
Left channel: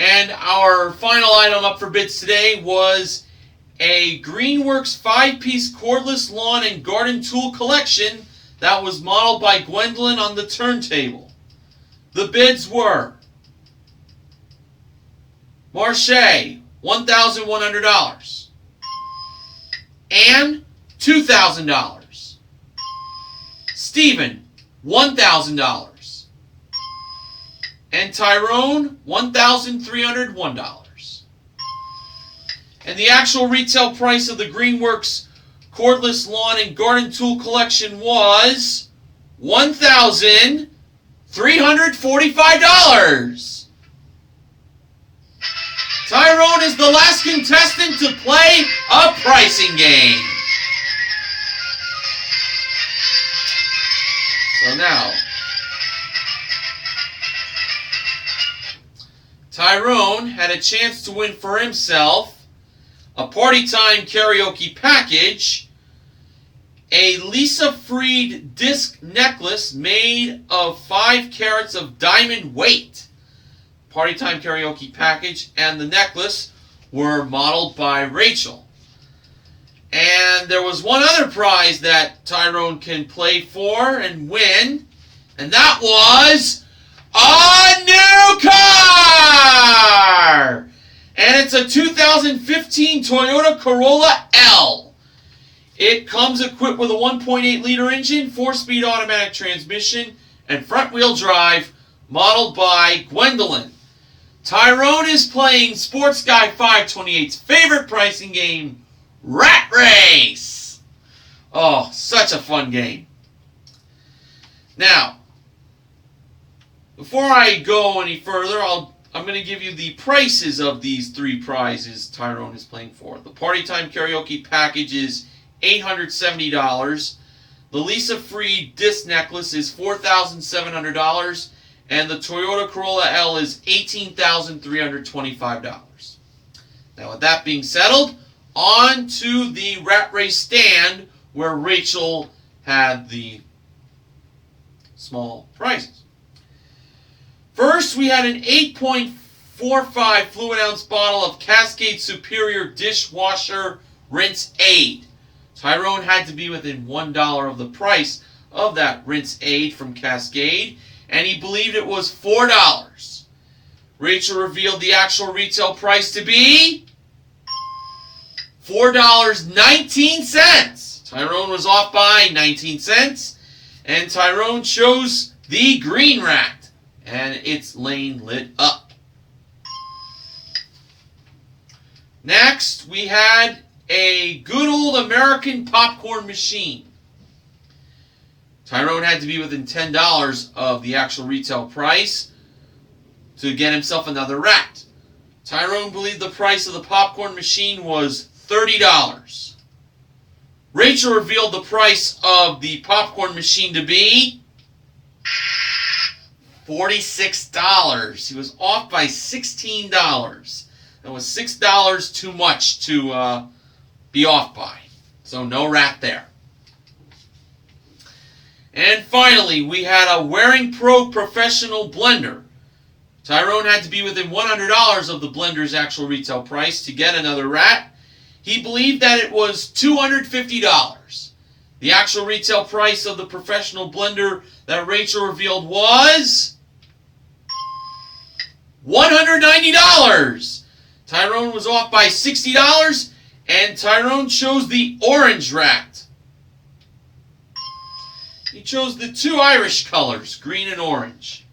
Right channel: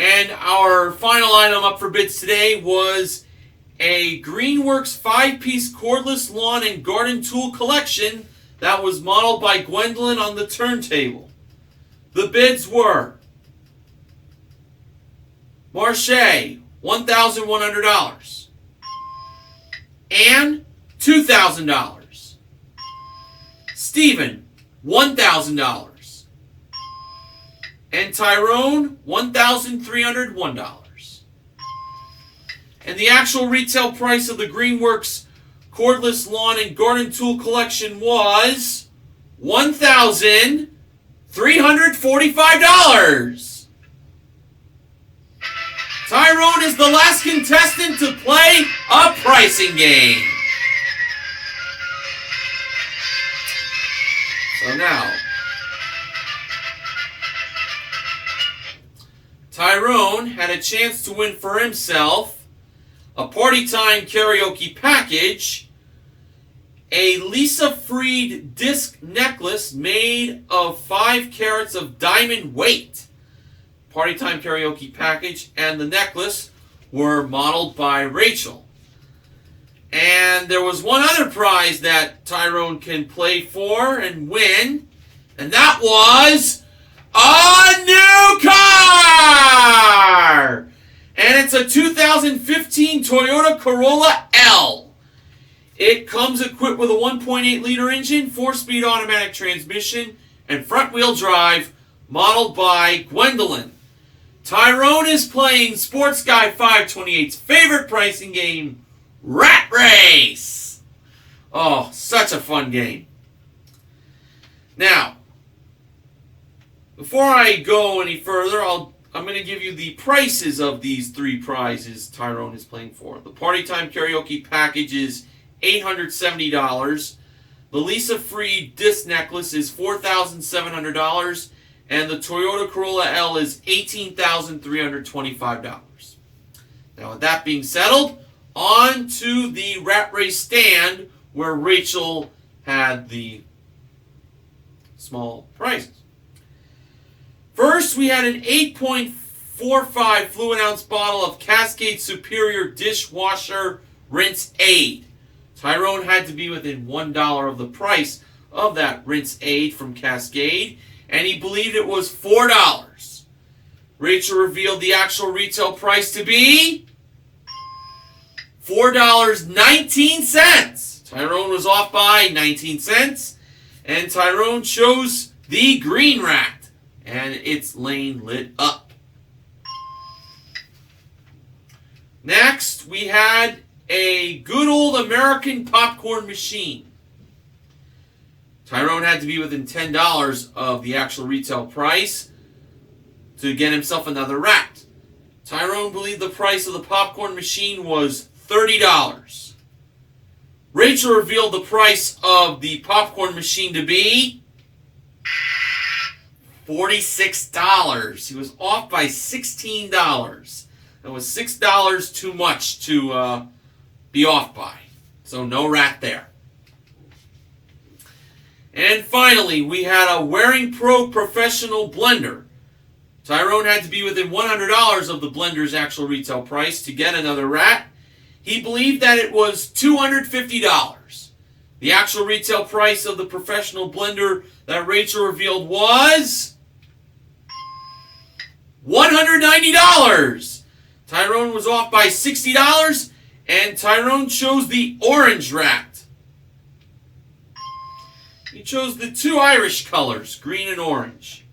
And our final item up for bids today was a Greenworks 5-piece cordless lawn and garden tool collection that was modeled by Gwendolyn on the turntable. The bids were Marche, $1,100, and $2,000. Stephen, $1,000. And Tyrone, $1,301. And the actual retail price of the Greenworks cordless lawn and garden tool collection was $1,345. Tyrone is the last contestant to play a pricing game. So now, Tyrone had a chance to win for himself a Party Time karaoke package, a Lisa Freed disc necklace made of 5 carats of diamond weight. Party Time karaoke package and the necklace were modeled by Rachel. And there was one other prize that Tyrone can play for and win, and that was a new car! And it's a 2015 Toyota Corolla L. It comes equipped with a 1.8-liter engine, 4-speed automatic transmission, and front-wheel drive, modeled by Gwendolyn. Tyrone is playing Sports Guy 528's favorite pricing game, Rat Race. Oh, such a fun game. Now, before I go any further, I'm going to give you the prices of these 3 prizes Tyrone is playing for. The Party Time karaoke package is $870. The Lisa Freed disc necklace is $4,700. And the Toyota Corolla L is $18,325. Now, with that being settled, on to the Rat Race stand where Rachel had the small prizes. First, we had an 8.45 fluid ounce bottle of Cascade Superior Dishwasher Rinse Aid. Tyrone had to be within $1 of the price of that rinse aid from Cascade, and he believed it was $4. Rachel revealed the actual retail price to be $4.19. Tyrone was off by 19 cents, and Tyrone chose the green rack, and its lane lit up. Next, we had a good old American popcorn machine. Tyrone had to be within $10 of the actual retail price to get himself another rack. Tyrone believed the price of the popcorn machine was $30. Rachel revealed the price of the popcorn machine to be $46. He was off by $16. That was $6 too much to be off by. So no rack there. And finally, we had a Waring Pro Professional Blender. Tyrone had to be within $100 of the blender's actual retail price to get another rack. He believed that it was $250. The actual retail price of the professional blender that Rachel revealed was $190. Tyrone was off by $60, and Tyrone chose the orange rack. He chose the 2 Irish colors, green and orange.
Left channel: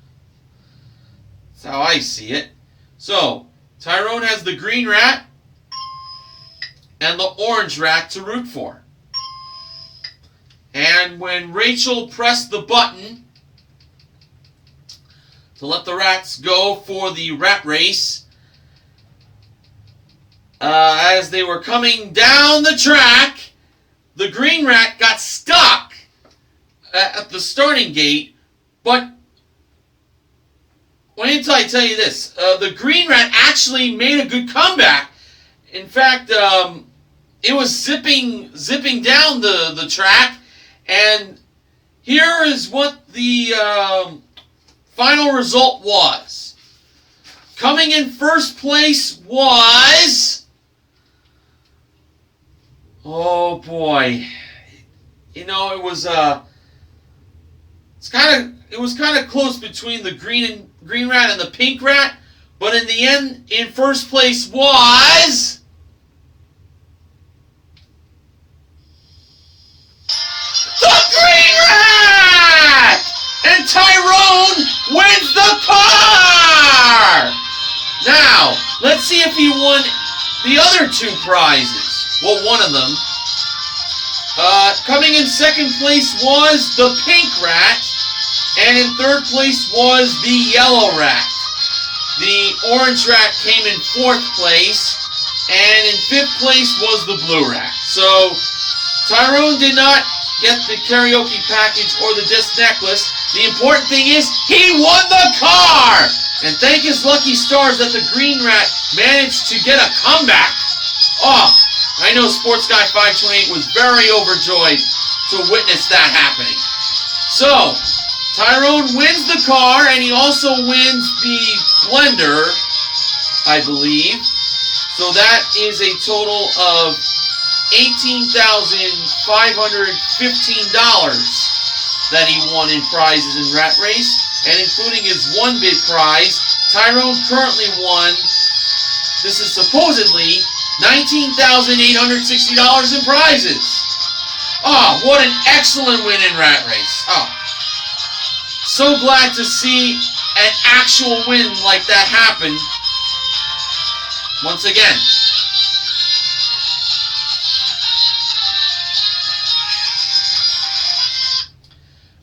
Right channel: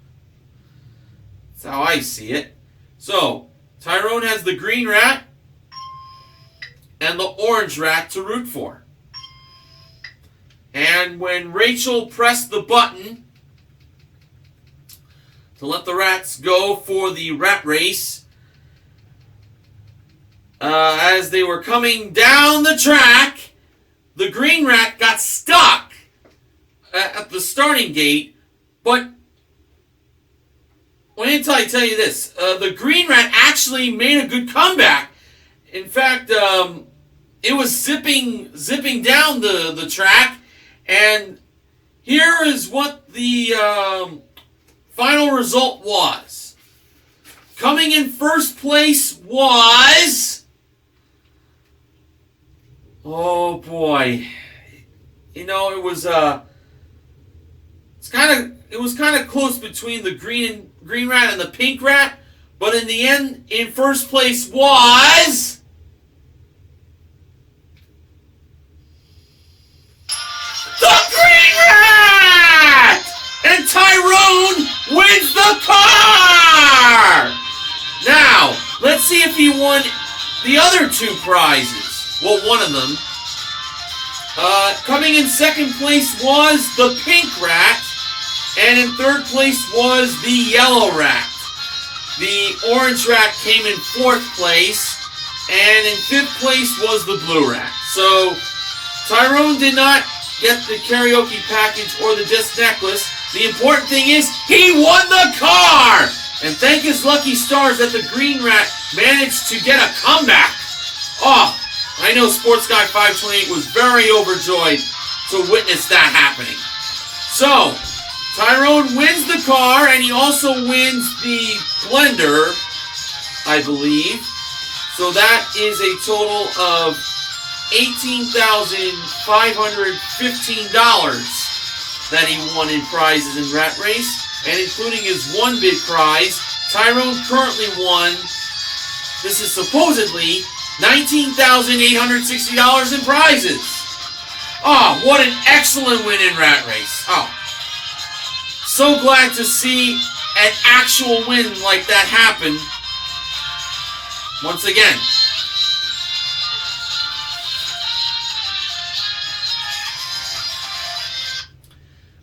That's how I see it. So, Tyrone has the green rat and the orange rat to root for. And when Rachel pressed the button to let the rats go for the rat race, as they were coming down the track, the green rat got stuck at the starting gate, but wait until I tell you this. The green rat actually made a good comeback. In fact, it was zipping down the track, and here is what the final result was. Coming in first place was, oh boy, you know, it was kind of close between the green rat and the pink rat, but in the end, in first place was the green rat, and Tyrone wins the car. Now, let's see if he won the other two prizes. Well, one of them. Coming in second place was the pink rat, and in third place was the yellow rat. The orange rat came in fourth place, and in fifth place was the blue rat. So, Tyrone did not get the karaoke package or the disc necklace. The important thing is, he won the car! And thank his lucky stars that the green rat managed to get a comeback. Oh, I know Sports Guy 528 was very overjoyed to witness that happening. So, Tyrone wins the car, and he also wins the blender, I believe. So that is a total of $18,515 that he won in prizes in Rat Race. And including his one big prize, Tyrone currently won, this is supposedly, $19,860 in prizes. Oh, what an excellent win in Rat Race. Oh, so glad to see an actual win like that happen once again.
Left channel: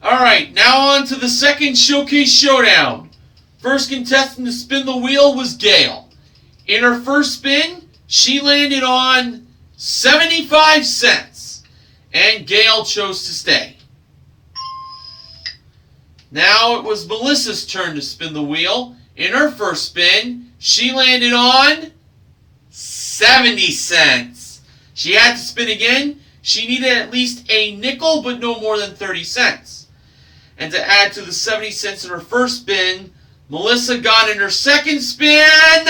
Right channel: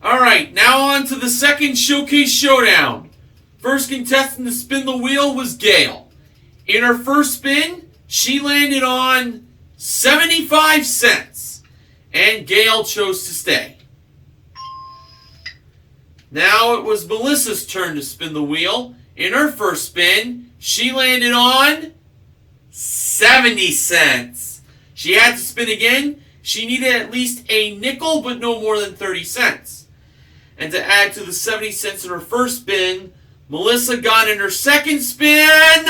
Alright, now on to the second Showcase Showdown. First contestant to spin the wheel was Gail. In her first spin, she landed on 75 cents, and Gail chose to stay. Now it was Melissa's turn to spin the wheel. In her first spin, she landed on 70 cents. She had to spin again. She needed at least a nickel, but no more than 30 cents. And to add to the 70 cents in her first spin, Melissa got in her second spin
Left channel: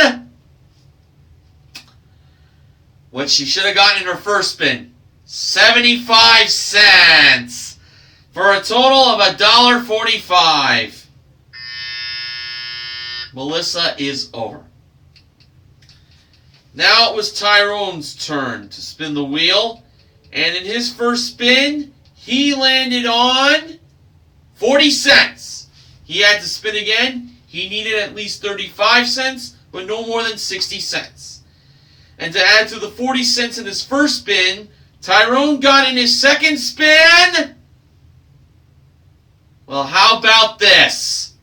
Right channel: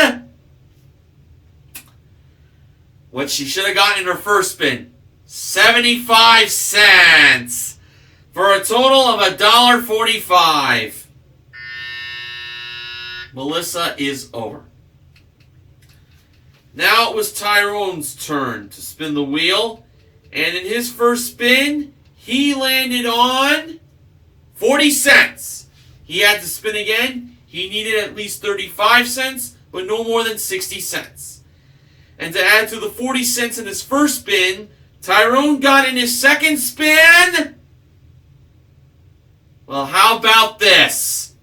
what she should have gotten in her first spin. 75 cents. For a total of $1.45. Melissa is over. Now it was Tyrone's turn to spin the wheel. And in his first spin, he landed on 40 cents. He had to spin again. He needed at least 35 cents, but no more than 60 cents. And to add to the 40 cents in his first spin, Tyrone got in his second spin. Well, how about this?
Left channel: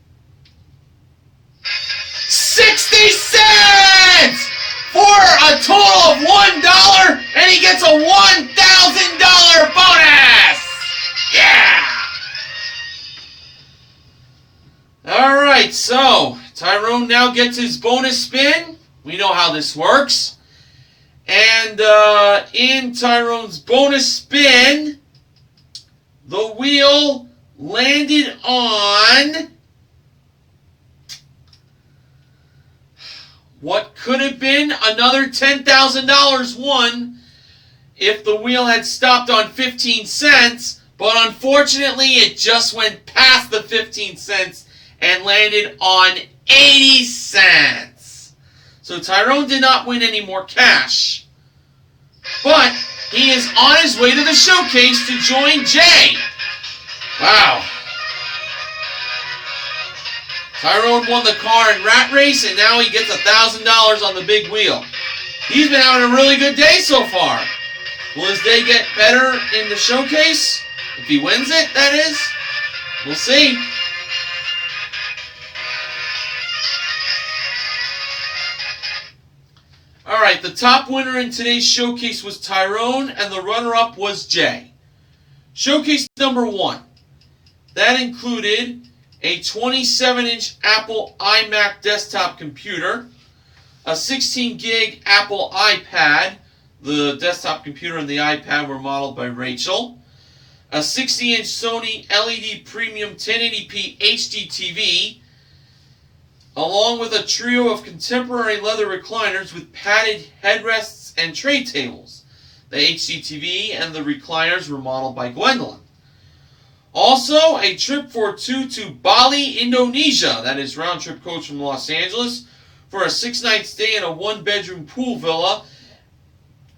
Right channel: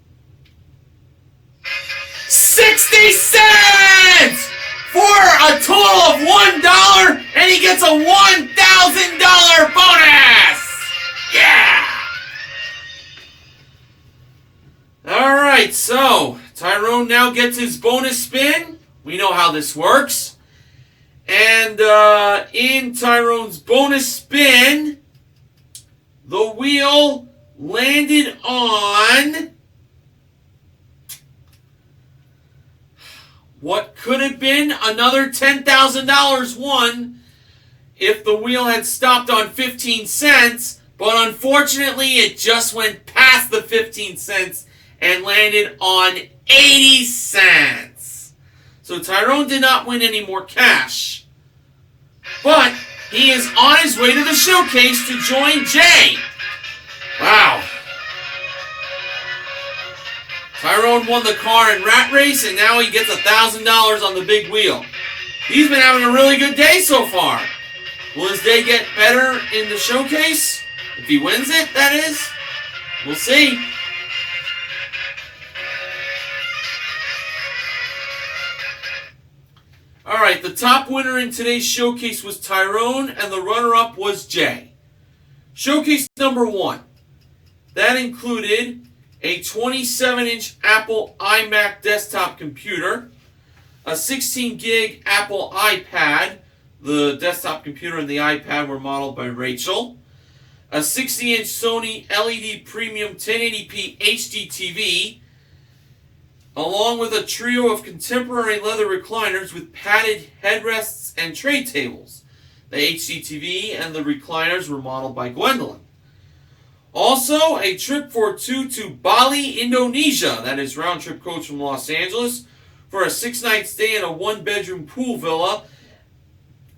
60 cents! For a total of $1, and he gets a $1,000 bonus! Yeah! Alright, so Tyrone now gets his bonus spin. We know how this works. And in Tyrone's bonus spin, the wheel landed on what could have been another $10,000 won if the wheel had stopped on 15 cents, but unfortunately it just went past the 15 cents and landed on 80 cents. So Tyrone did not win any more cash, but he is on his way to the showcase to join Jay. Wow. Tyrone won the car in Rat Race, and now he gets $1,000 on the big wheel. He's been having a really good day so far. Will his day get better in the showcase? If he wins it, that is. We'll see. Alright. Alright, the top winner in today's showcase was Tyrone, and the runner-up was Jay. Showcase number 1. That included a 27-inch Apple iMac desktop computer, a 16-gig Apple iPad. The desktop computer and the iPad were modeled by Rachel. A 60-inch Sony LED Premium 1080p HD TV, along with a trio of contemporary leather recliners with padded headrests and tray tables. The HD TV and the recliners were modeled by Gwendolyn. Also, a trip for 2 to Bali, Indonesia. That is round-trip coach from Los Angeles for a 6-night stay in a 1-bedroom pool villa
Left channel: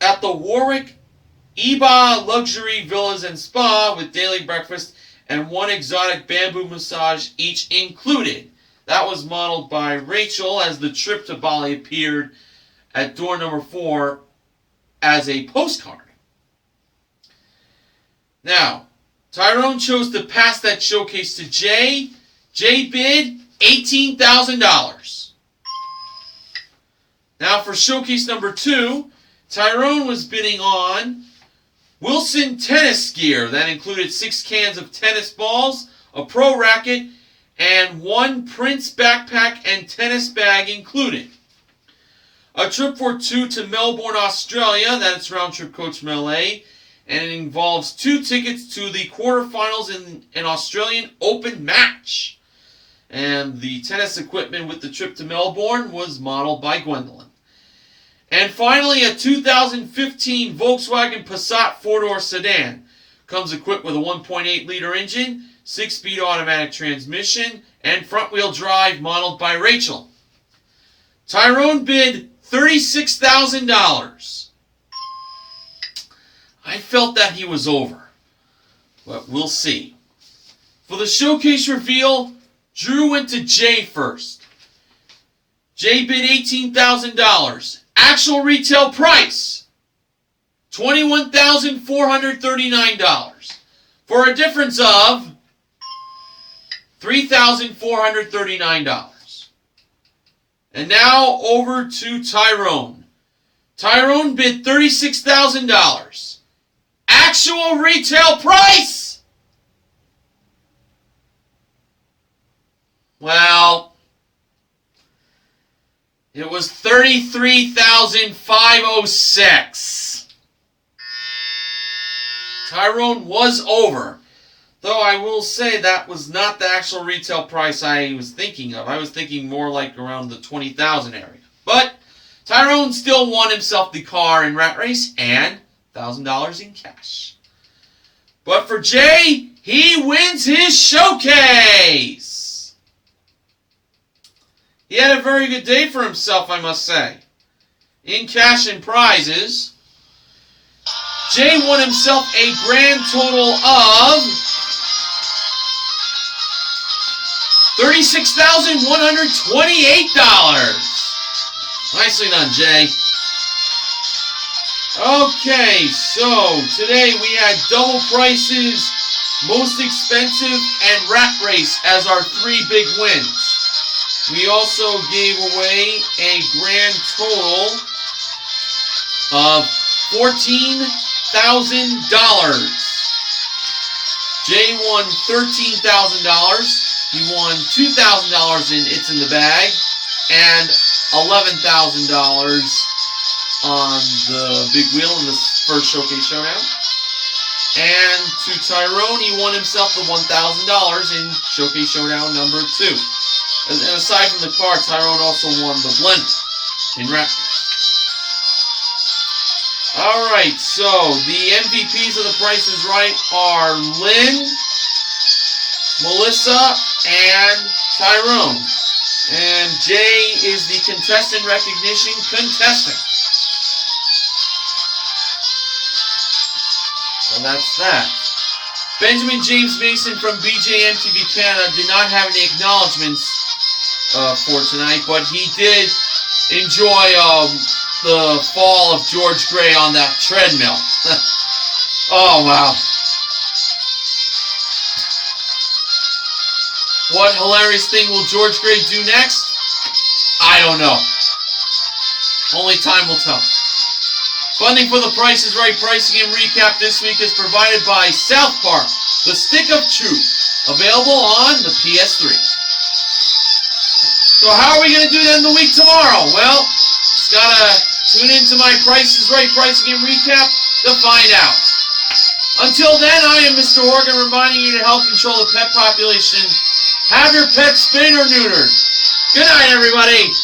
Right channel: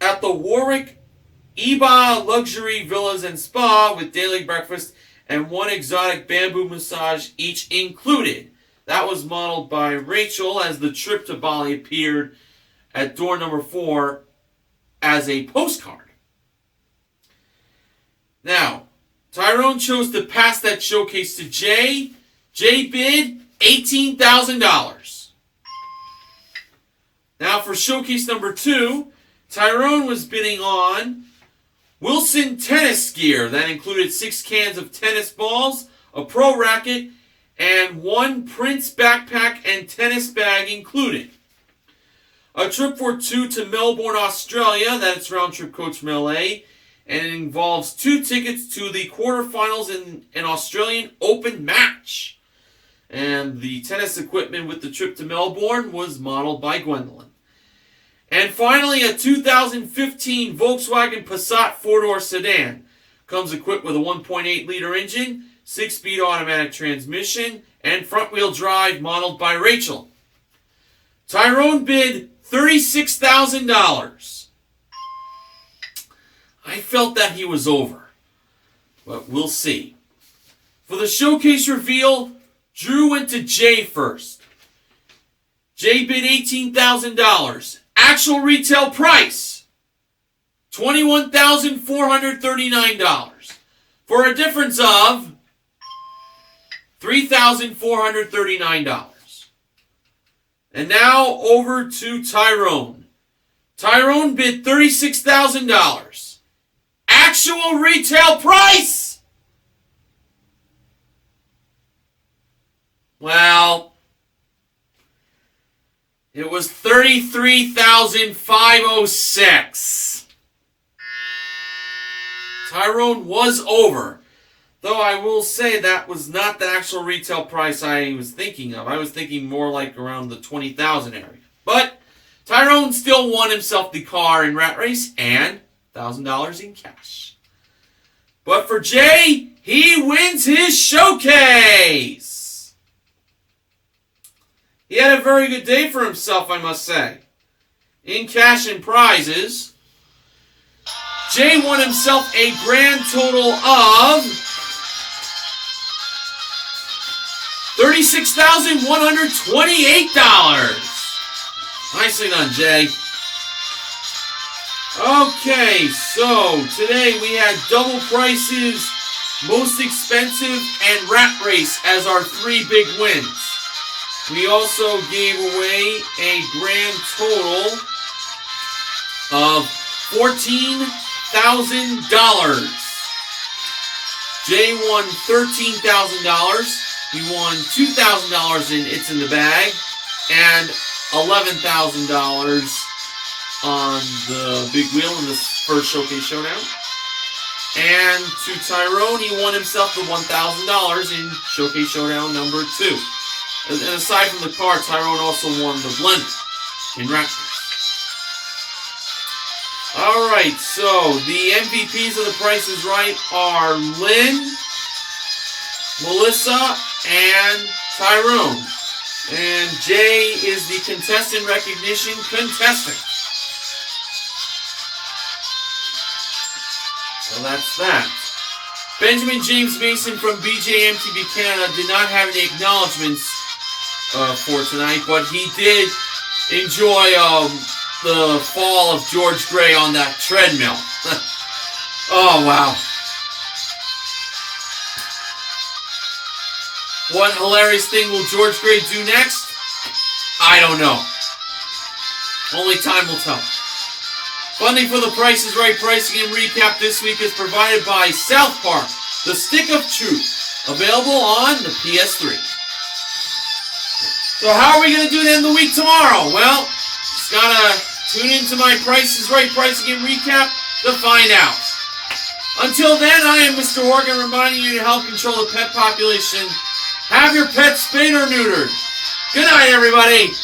at the Warwick Iba Luxury Villas and Spa with daily breakfast and 1 exotic bamboo massage each included. That was modeled by Rachel, as the trip to Bali appeared at door number 4 as a postcard. Now, Tyrone chose to pass that showcase to Jay. Jay bid $18,000. Now for showcase number 2, Tyrone was bidding on Wilson tennis gear. That included 6 cans of tennis balls, a pro racket, and 1 Prince backpack and tennis bag included. A trip for 2 to Melbourne, Australia. That's round-trip coach from LA. And it involves 2 tickets to the quarterfinals in an Australian Open match. And the tennis equipment with the trip to Melbourne was modeled by Gwendolyn. And finally, a 2015 Volkswagen Passat 4-door sedan. Comes equipped with a 1.8-liter engine, 6-speed automatic transmission, and front-wheel drive modeled by Rachel. Tyrone bid $36,000. I felt that he was over, but we'll see. For the showcase reveal, Drew went to Jay first. Jay bid $18,000. Actual retail price, $21,439. For a difference of $3,439. And now over to Tyrone. Tyrone bid $36,000. Actual retail price? Well, it was $33,506. Tyrone was over. Though I will say that was not the actual retail price I was thinking of. I was thinking more like around the $20,000 area. But Tyrone still won himself the car in Rat Race and $1,000 in cash. But for Jay, he wins his showcase. He had a very good day for himself, I must say. In cash and prizes, Jay won himself a grand total of $36,128. Nicely done, Jay. Okay, so today we had double prices, most expensive, and Rat Race as our 3 big wins. We also gave away a grand total of $14,000. Jay won $13,000. He won $2,000 in It's in the Bag and $11,000 on the big wheel in this first showcase showdown. And to Tyrone, he won himself the $1,000 in showcase showdown number 2. And aside from the car, Tyrone also won the blender in Rat Race. Alright, so the MVPs of The Price is Right are Lynn, Melissa, and Tyrone. And Jay is the contestant recognition contestant. So that's that. Benjamin James Mason from BJMTV Canada did not have any acknowledgments for tonight, but he did enjoy the fall of George Gray on that treadmill. Oh, wow. What hilarious thing will George Gray do next? I don't know. Only time will tell. Funding for the Price is Right pricing and recap this week is provided by South Park, The Stick of Truth, available on the PS3. So how are we going to do it in the week tomorrow? Well, just got to tune into my Price is Right pricing and recap to find out. Until then, I am Mr. Organ reminding you to help control the pet population. Have your pet spayed or neutered. Good night, everybody.